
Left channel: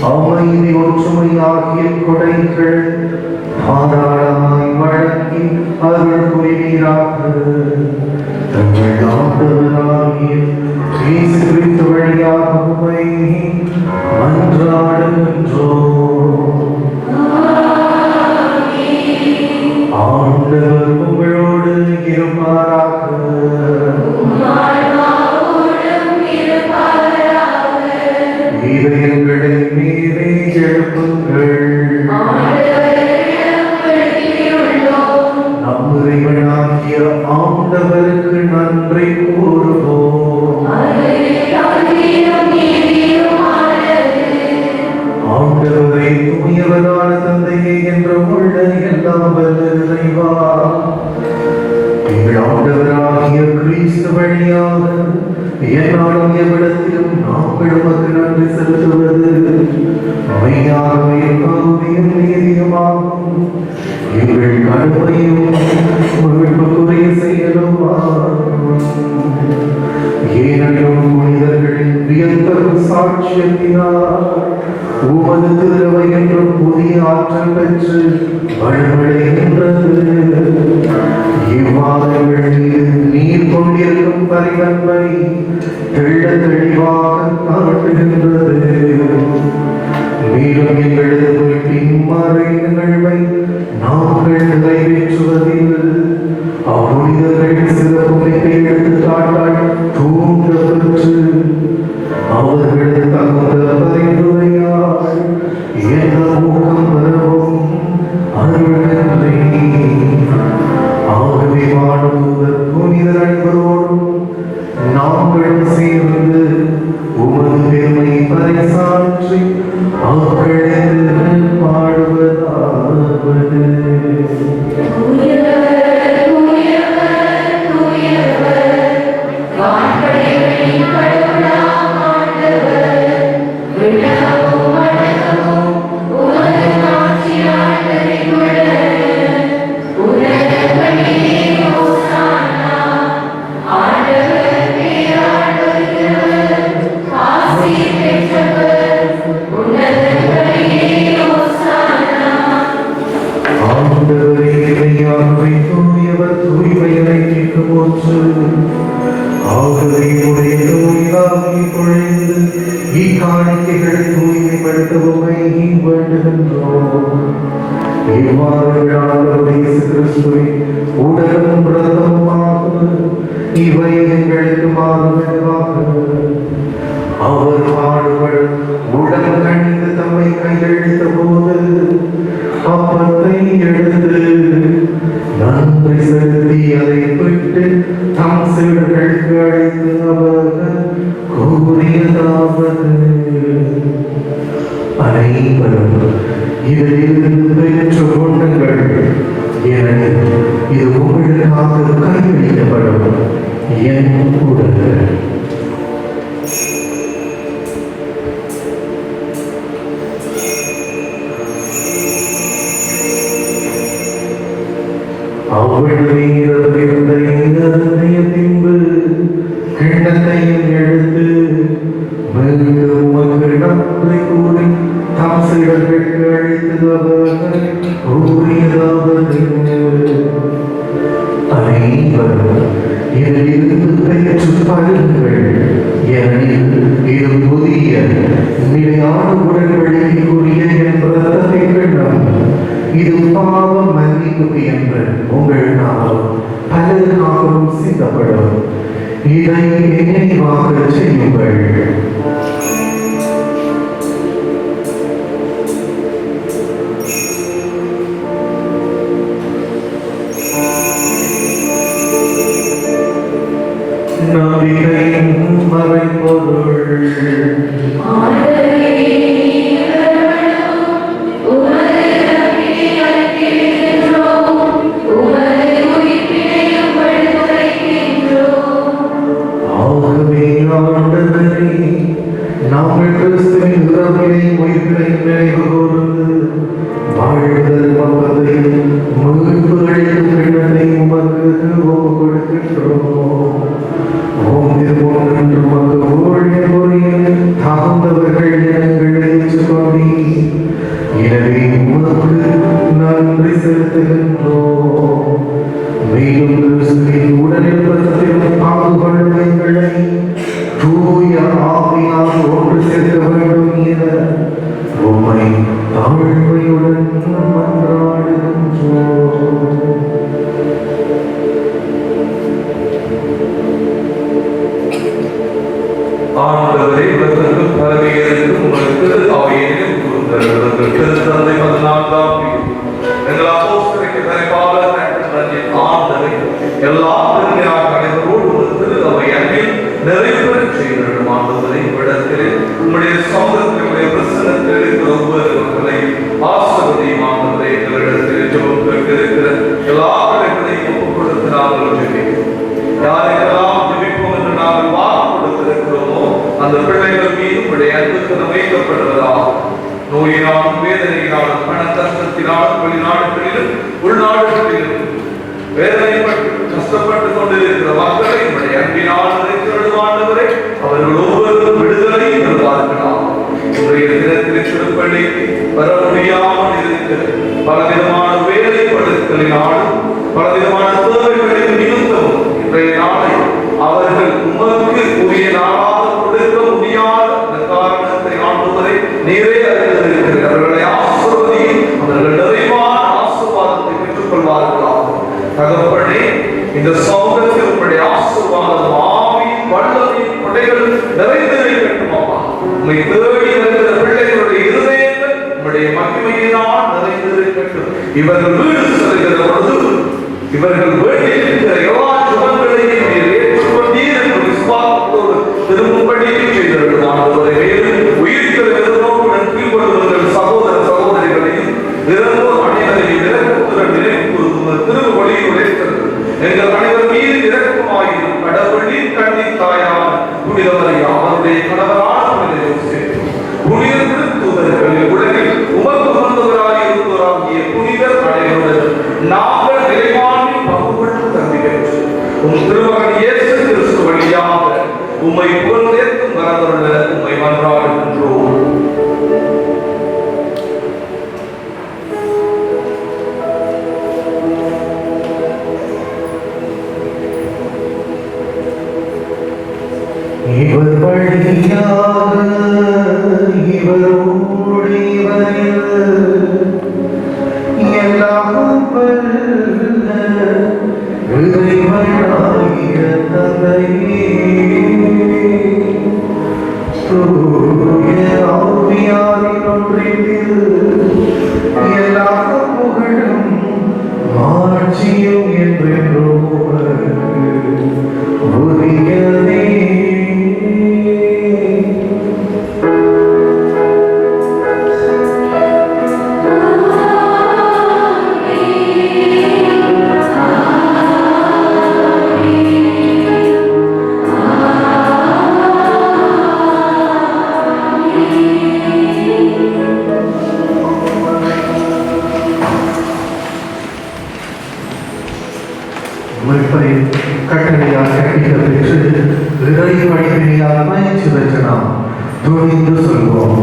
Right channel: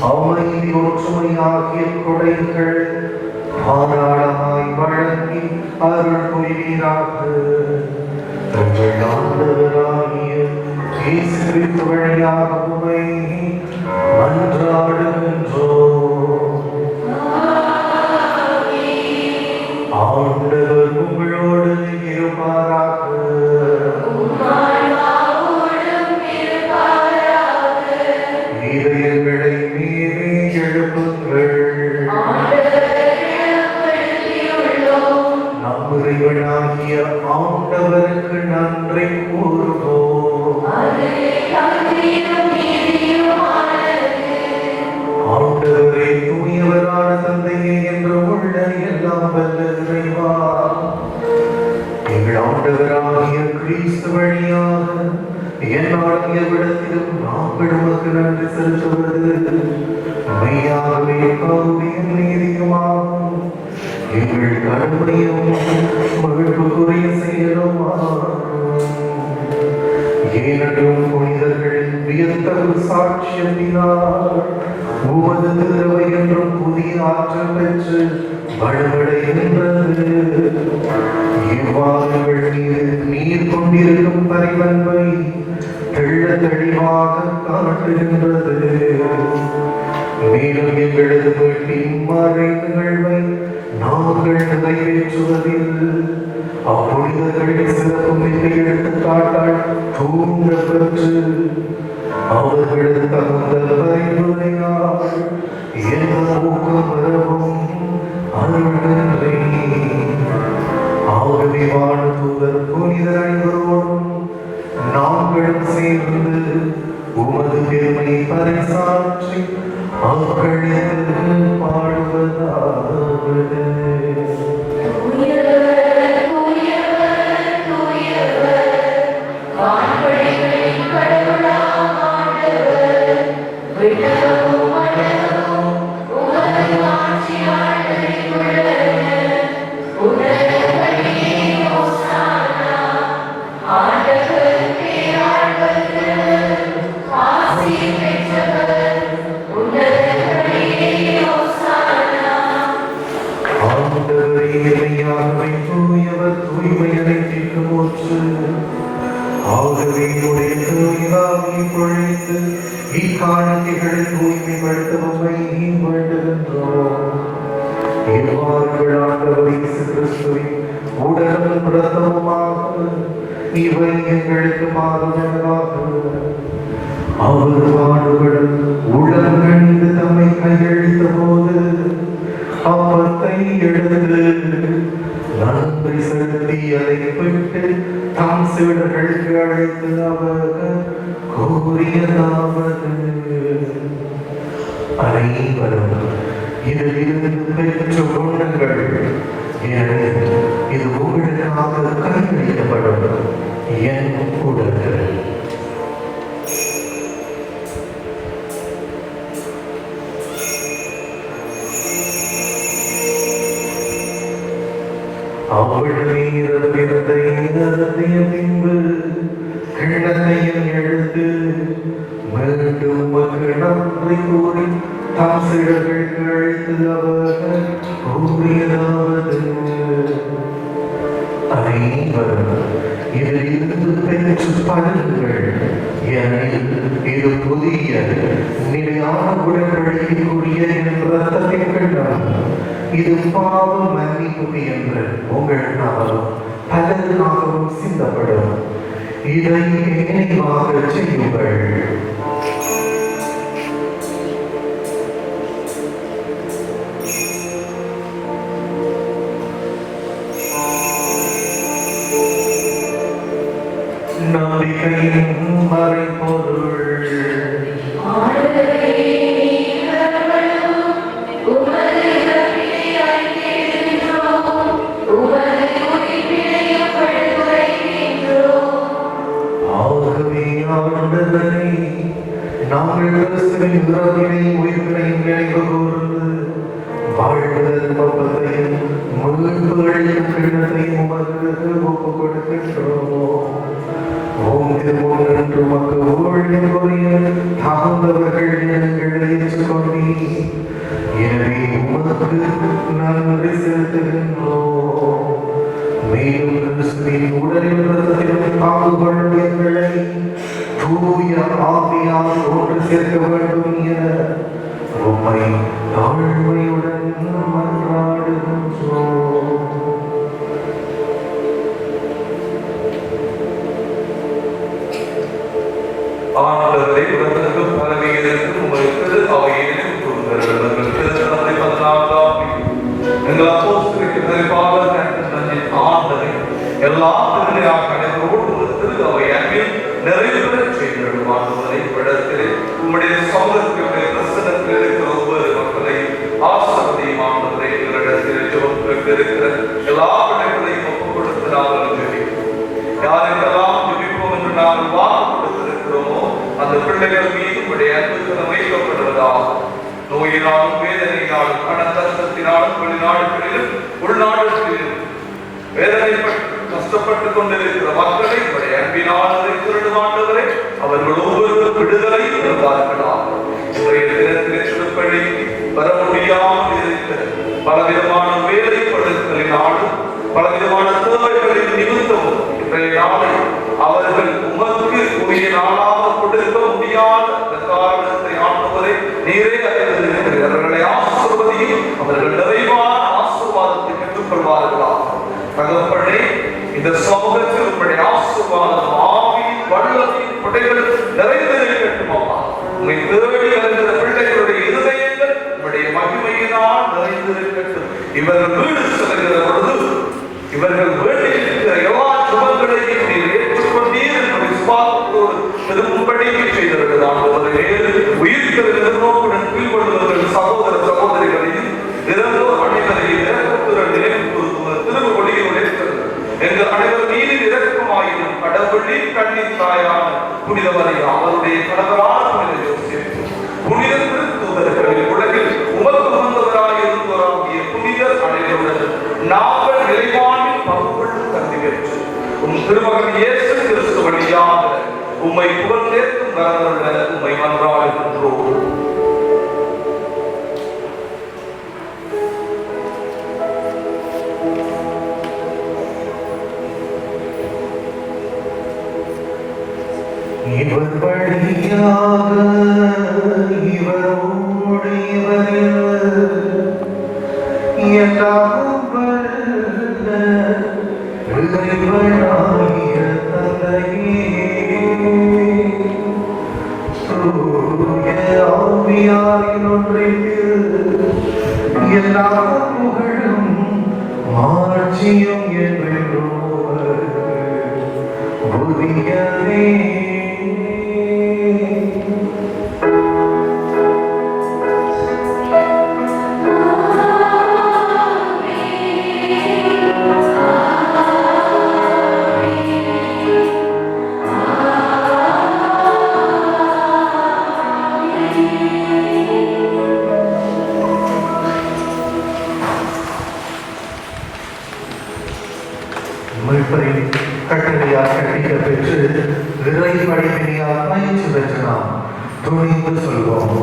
அமைதி ஒற்றுமை ஆகிய கொடைகள் தாராளமாய் வழங்கி அருள் புரிவீராக. தங்கள் ஆண்டவராகிய இயேசு கிறிஸ்து வழியாக உம்மை மன்றாடுகின்றோம். ஆண்டவர் உங்களோடு இருப்பாராக. இதயங்களை மீறி எழுப்புங்கள். நம் இறைவனாகிய ஆண்டவருக்கு நன்றி கூறுவோம். ஆண்டவரை தூயவரான தந்தையே என்ற உள்ள எல்லாம் வல்ல இறைவா, எங்கள் ஆண்டவராகிய கிறிஸ்து வழியாக என்னாலும் எவ்விடத்திலும் நாங்கள் உமக்கு நன்றி செலுத்துவது மெய்யாகவே கருணையும் நீதியுமாகும். எங்கள் கடமையும் உங்களுக்குரிய செயலுமாகும். ஏனெனில் புனிதர்களின் வியத்தகு சாட்சியத்தினால் உமது திருவை என்றும் புதிய ஆற்றல் பெற்று வழிபடுகின்றது. இவ்வாறு நீர் கொண்டிருக்கும் பரிவன்பை தெள்ள தெளிவாக காட்டுகின்றது. மேலும் எங்களது பின்மறை நிகழ்வை நாங்கள் நிறைவேற்றுவதில் அப்புனிதர்களின் சிறப்புமிக்க எடுத்துக்காட்டால் தூண்ட பெற்று அவர்களது தகுந்த பரிந்துரையால் எந்த ஊக்கம் பெறவும் அருள்கின்றே. ஆகவே வாழ்ந்தவர் புனிதர்களோடும் நாங்களும் சேர்ந்து உமது பெருமை பறைசாற்றி அவர்களது பாடுவதாவது. உடலும் பிரதமாக இவை எங்களுக்கு மாறுதலாகும். அவர் பாடுபடும் உடல் கண்டு தம்மை கையெழுத்த போது அப்பத்தை எடுத்து நன்மை செலுத்தி அதை விட்டு தம் சிவர்களுக்கு அழைத்து அவர்கள் கூறியதாவது, அனைவரும் இதிலிருந்து பெற்று கொண்டுங்கள். ஏனெனில் இது உங்களுக்காக கையளிக்கப்படும் என் உடல். பின்பு கிண்ணத்தையும் எடுத்து மீண்டும் நன்றி கூறி தம் சிலர்களுக்கு அழைத்து அவர்கள் கூறியதாவது, அனைவரும் இதிலிருந்து பெற்று படுங்கள். ஏனெனில் இது புதிய நிலையான உடன்படிக்கைக்குரிய என் இரத்தத்தின் கிண்ணம். இது பாவ மன்னிப்பு என்று உங்களுக்காகவும் பலருக்காகவும் சிந்தப்படும். இதை நினைவாக செய்யுங்கள். எனவே உமக்கு நன்றி செலுத்துகின்றோம். மேலும் கிறிஸ்துவின் உடலில் இரத்தத்திலும் பங்கு கொள்ளும் எங்களை தூய ஆவியார் ஒன்று சேர்க்க வேண்டும் என உம்மை தாழ்மையுடன் மன்றாடுகின்றோம். ஆண்டவரே, உலகத்திற்கும் பரவியிருக்கும் உங்களுக்கு அவையிலும் குருந்தர்களுக்கு தந்தை மதனாதாவி எங்கள் அப்போஸ்தலருக்கு பரிபாலன நன்றின் ஆண்டவரே, எல்லா திருநிலையாக அனைவரோடு ஒரு திரு அவை அன்பில் நிறைவு பெறச் செய்திருக்கும் ஆண்டவரை படத்திலே உம்முடைய சமூகத்தினுடைய பிரசனத்தில் இருக்கிற ஒவ்வொரு மக்களை ஆசீர்வதியும் ஆண்டவரே. எங்களிடத்திலே ஜெபத்திற்கு இருக்கிற எல்லா படைகளையும் ஒப்புக் கொடுத்து நாங்கள் ஜெபிக்கிறோம். யாரெல்லாம் ஜெபிப்போம் என்று நாங்கள் வாக்கு கொடுத்திருக்கிறோமோ அந்த பிள்ளைகள் மீது உடைய அன்புக்கு அமைக்கப்படுவதாக. நோயினாலும் வேதனையினாலும் பணத்தத்தினாலும் வெளிநாடுகளிலும் உள்நாடுகளிலும் வேதனைப்பட்டு கஷ்டப்பட்டுக் கொண்டிருக்கிற மக்களை உடைய அன்பினால் இருக்கிறவரை அவர்கள் ஒவ்வொருவரும் விடுதலை பெறுவார்களாம். இன்றைய தினத்தில் சொற்படி வர முடியாமல் இருக்கிற பலவிதமான வேலைப்படுத்தலினாலும் பலவிதமான தேவைகளின் நிமித்தம் இன்றைய நாளில் அவர்கள் உமக்கு உரிய நாளாக கொடுக்க முடியாத காரணத்தை ஆண்டுவதை நீரே அறிந்திருக்கிறீர்கள். அவர்களை ஆசிர்வதி, அவர்கள் நிறைவான ஆசீர்வாதத்தை பெற்றுக் கொள்வார்களாக. தகப்பனே, இந்த சமூகத்தில் உங்களுடைய ஆசீர்வாதம் ஆவியின் வல்லமையின் கொடைகள் நிறைந்திருக்கட்டுமாமா. உங்களை தேடி இருக்கிற பிள்ளைகளுடைய இருதயங்கள் உங்களுடைய மகிமையினால் நிறைந்திருக்கட்டும். இவர்கள் வீடு செல்கிற பொழுது இவர்கள் வேண்டியிருக்கிற எல்லா சுகங்களையும் ஏற்றுக்கொண்டீர் என்று விசுவாசத்தோடு திரும்படி செய்திருக்கிறார். உயிர்த்த நிறுவனம் கீழ்படுவர்கள் சகோதர சகோதரிகளையும் இறந்தோர் அனைவரையும் இறக்கத்துடன் நினைவு திருமொழியில் உரைக்கிறது. எங்கள் அனைவர் மீது இறக்கமாயும் கடவுளின் கண்ணின் தாயார் புனிதவரையா அவருடைய கணவரான புனித யோசேப்பு, புனித திருத்தூதர்கள், உலகில் உமக்கு உகந்தவராக இருந்தவராகிய புனிதர் அனைவருடன் நாங்கள் நிறைவானில் பங்குபட்டு தந்திக்கிறோம். உம் திருமகன் இயேசு கிறிஸ்து வழியாக உம்மை புகழ்ந்தேற்கும் வரவருட உம்மை மன்றாடுகின்றோம். இவர் வழியாக இவரோடு இவரில் எல்லாம் வல்ல இறைவனாகிய தந்தையே, தூய ஆவியாரின் ஒன்றிப்பில் எல்லா புகழும் மாட்சியும் என்றென்றும் உமக்கு உரியதே. முழுப்பதை கட்டளையால் கட்டிகள் பெற்று இறை வழிவினையால் பயிற்சி பெற்று நாம் துணிந்து சொல்வோம்.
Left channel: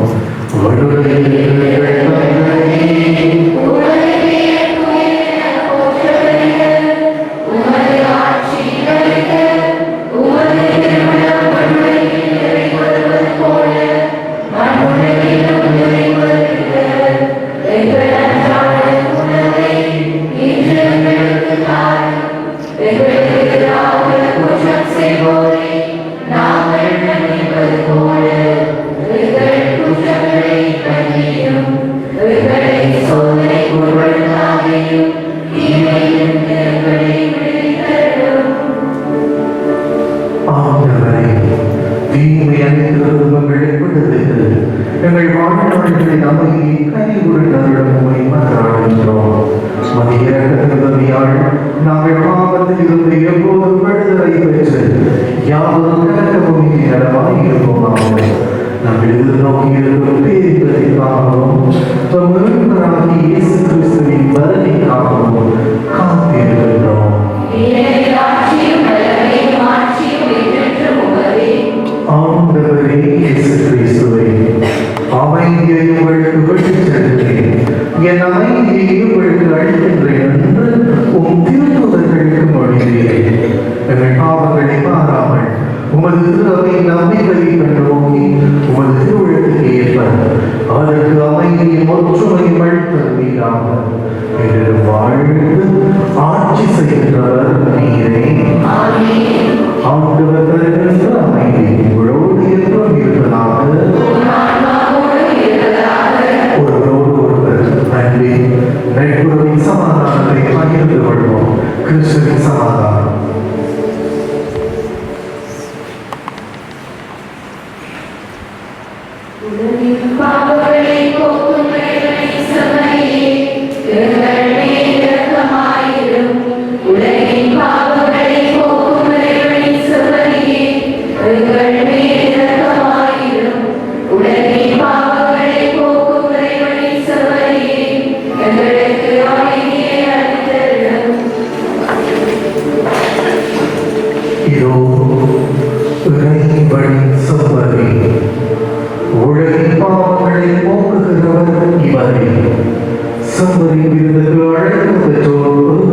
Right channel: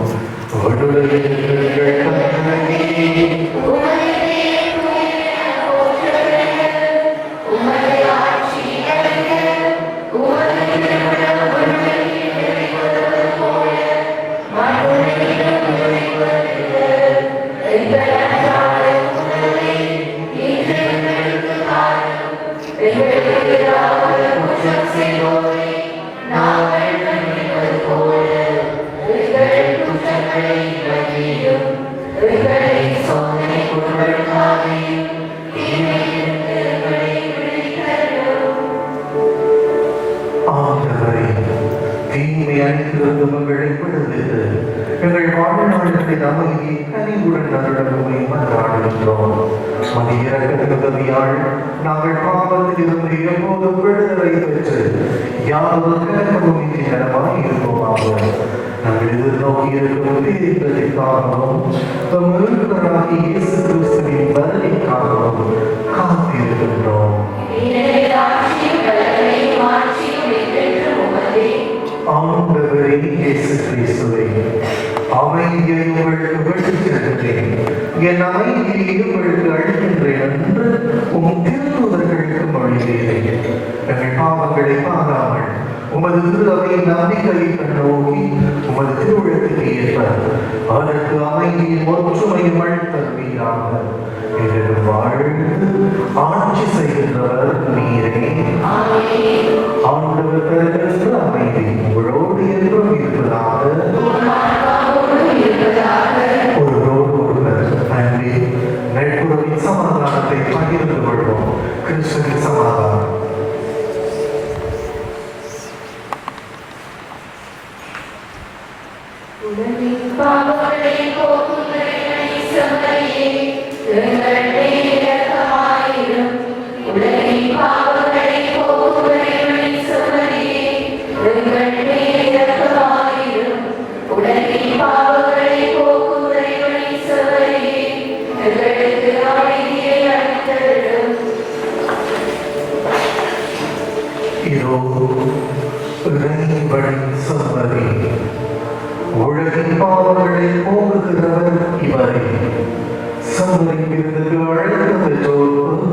ஆண்டவரே இயேசு கிறிஸ்துவே, அமைதியை உங்களுக்கு விட்டுச் ஒற்றுமையும் அளித்தருவீராக. என்று வாழ்ந்து ஆட்சி செய்கின்றவர் நீரே. ஆண்டவர் தருகின்ற அமைதி உங்களோடு என்றும் இருப்பதாக. ஒருவரோடு ஒருவர் நன்றி நட்புறவின் சமாதானத்தை பகிர்ந்து கொள்வோம். கிறிஸ்துவின் சமாதானம். பாவங்களை போக்கும் இயேசுவையே, எங்கள் மேல் இரக்கமாயிரும். உலகின் பாவங்களை போக்கும் இயேசுவையே, எங்கள் மேல் இரக்கமாயிரும். உலகின் பாவங்களை போக்கும் இயேசுவையே, எங்களுக்கு அமைதியை அளித்தருளும். இதோ இறைவனின் செம்மறி, உலகின் பாவங்களை போக்குகிறவர் இவரே. செம்மறி விருந்துக்கு அழைப்பு பெற்றோர்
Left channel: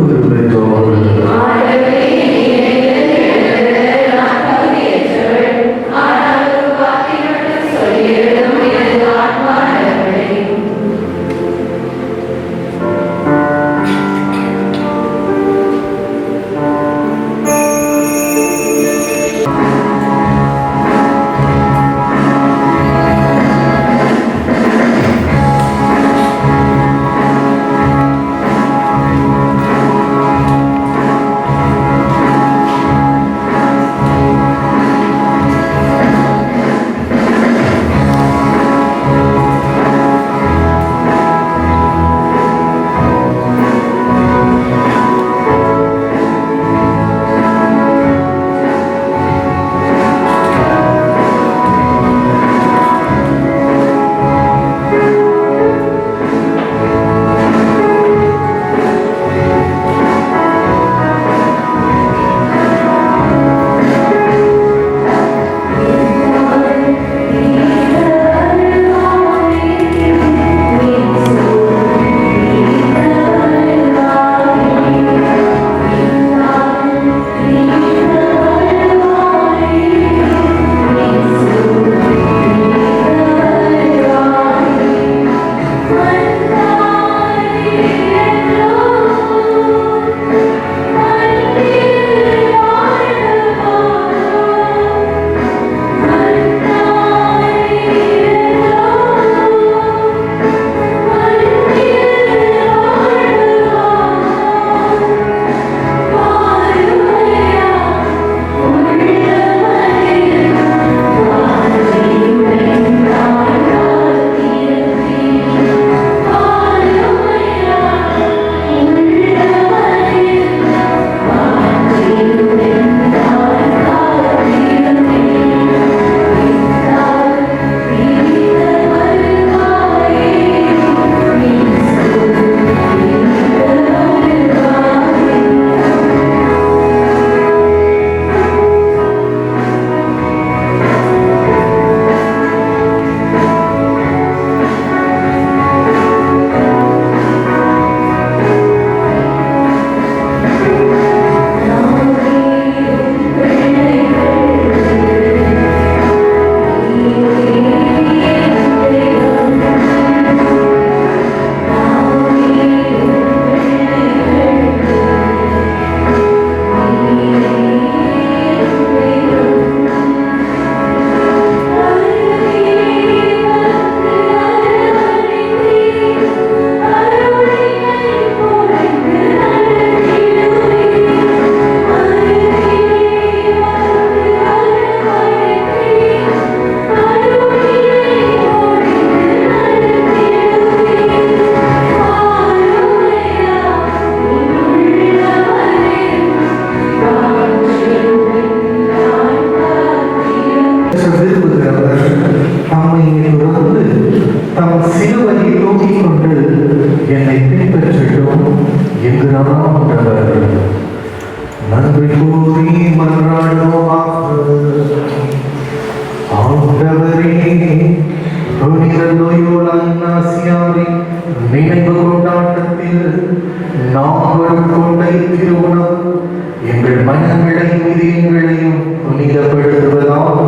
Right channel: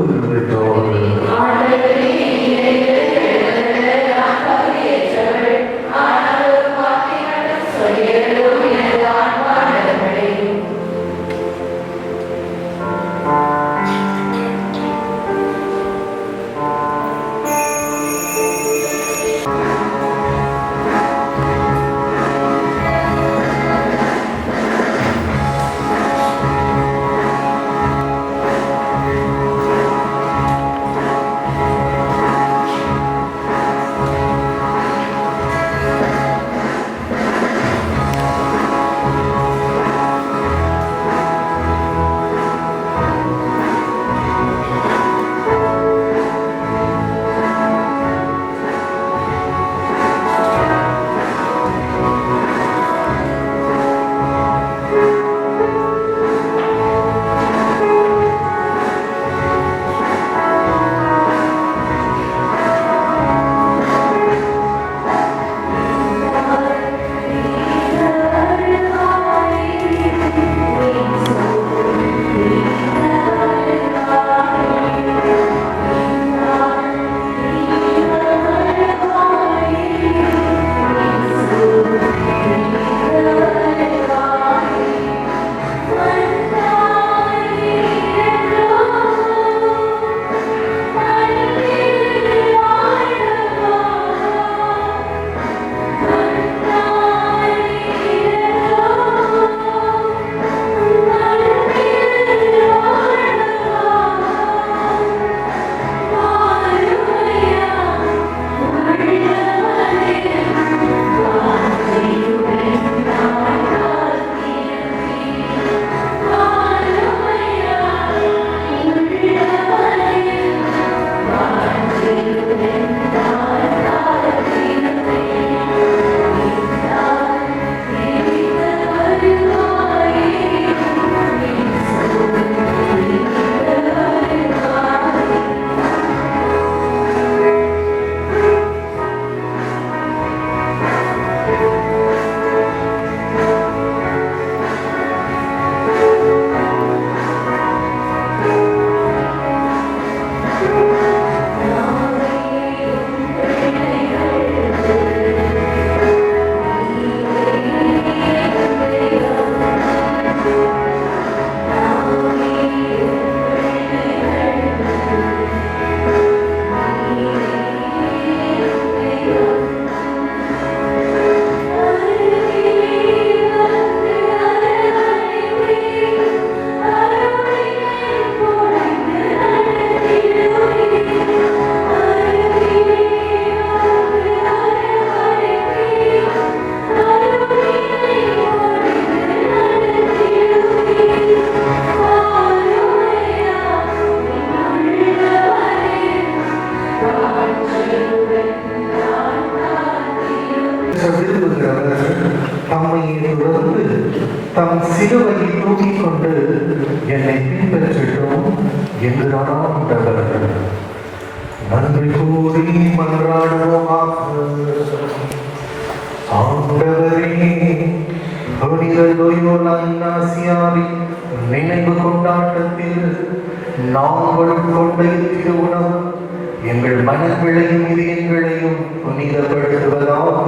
எங்கள் மனங்களையும் இதயங்களையும் புனிதப்படுத்துவதாக.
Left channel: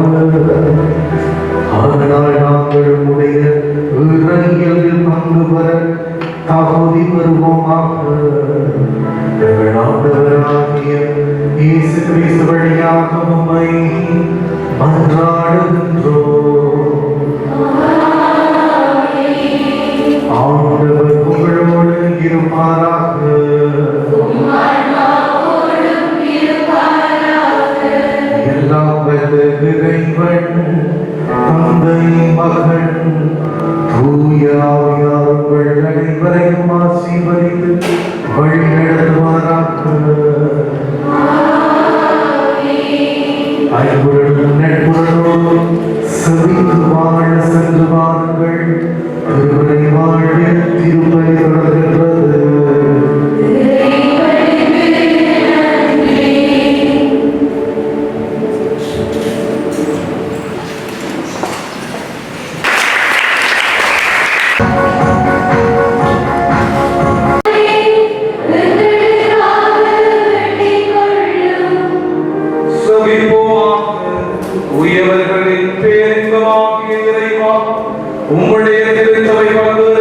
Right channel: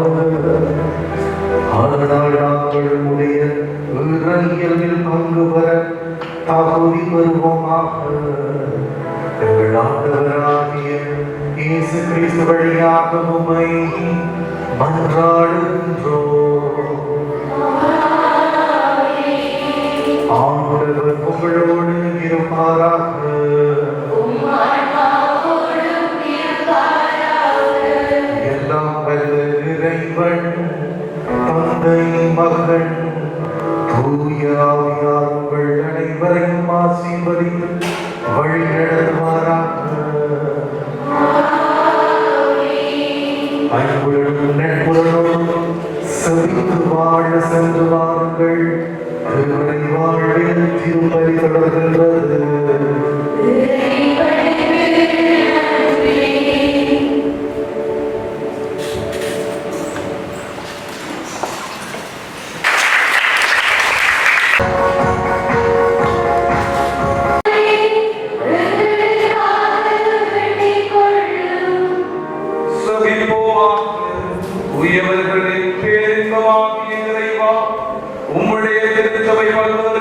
ஆனால் நாங்கள் உடைய இறையியலில் பங்கு ஆண்டவர் உங்களோடு இருப்பாராக. எல்லாம் வல்ல இறைவன் தந்தை மகன் தூய ஆவியார் உங்கள் அனைவரையும் ஆசீர்வதித்து வழிநடத்துவாராக. அன்புடன் நட்புறவோடு செவித்து வாழ சென்று வாருங்கள். திருமலை வாழ்வில் திருமலை தொடர்கிறது. உயர்வர்களின் பேரின்பமாகிய இறைவா, உம்முடைய திருச்சபை வந்து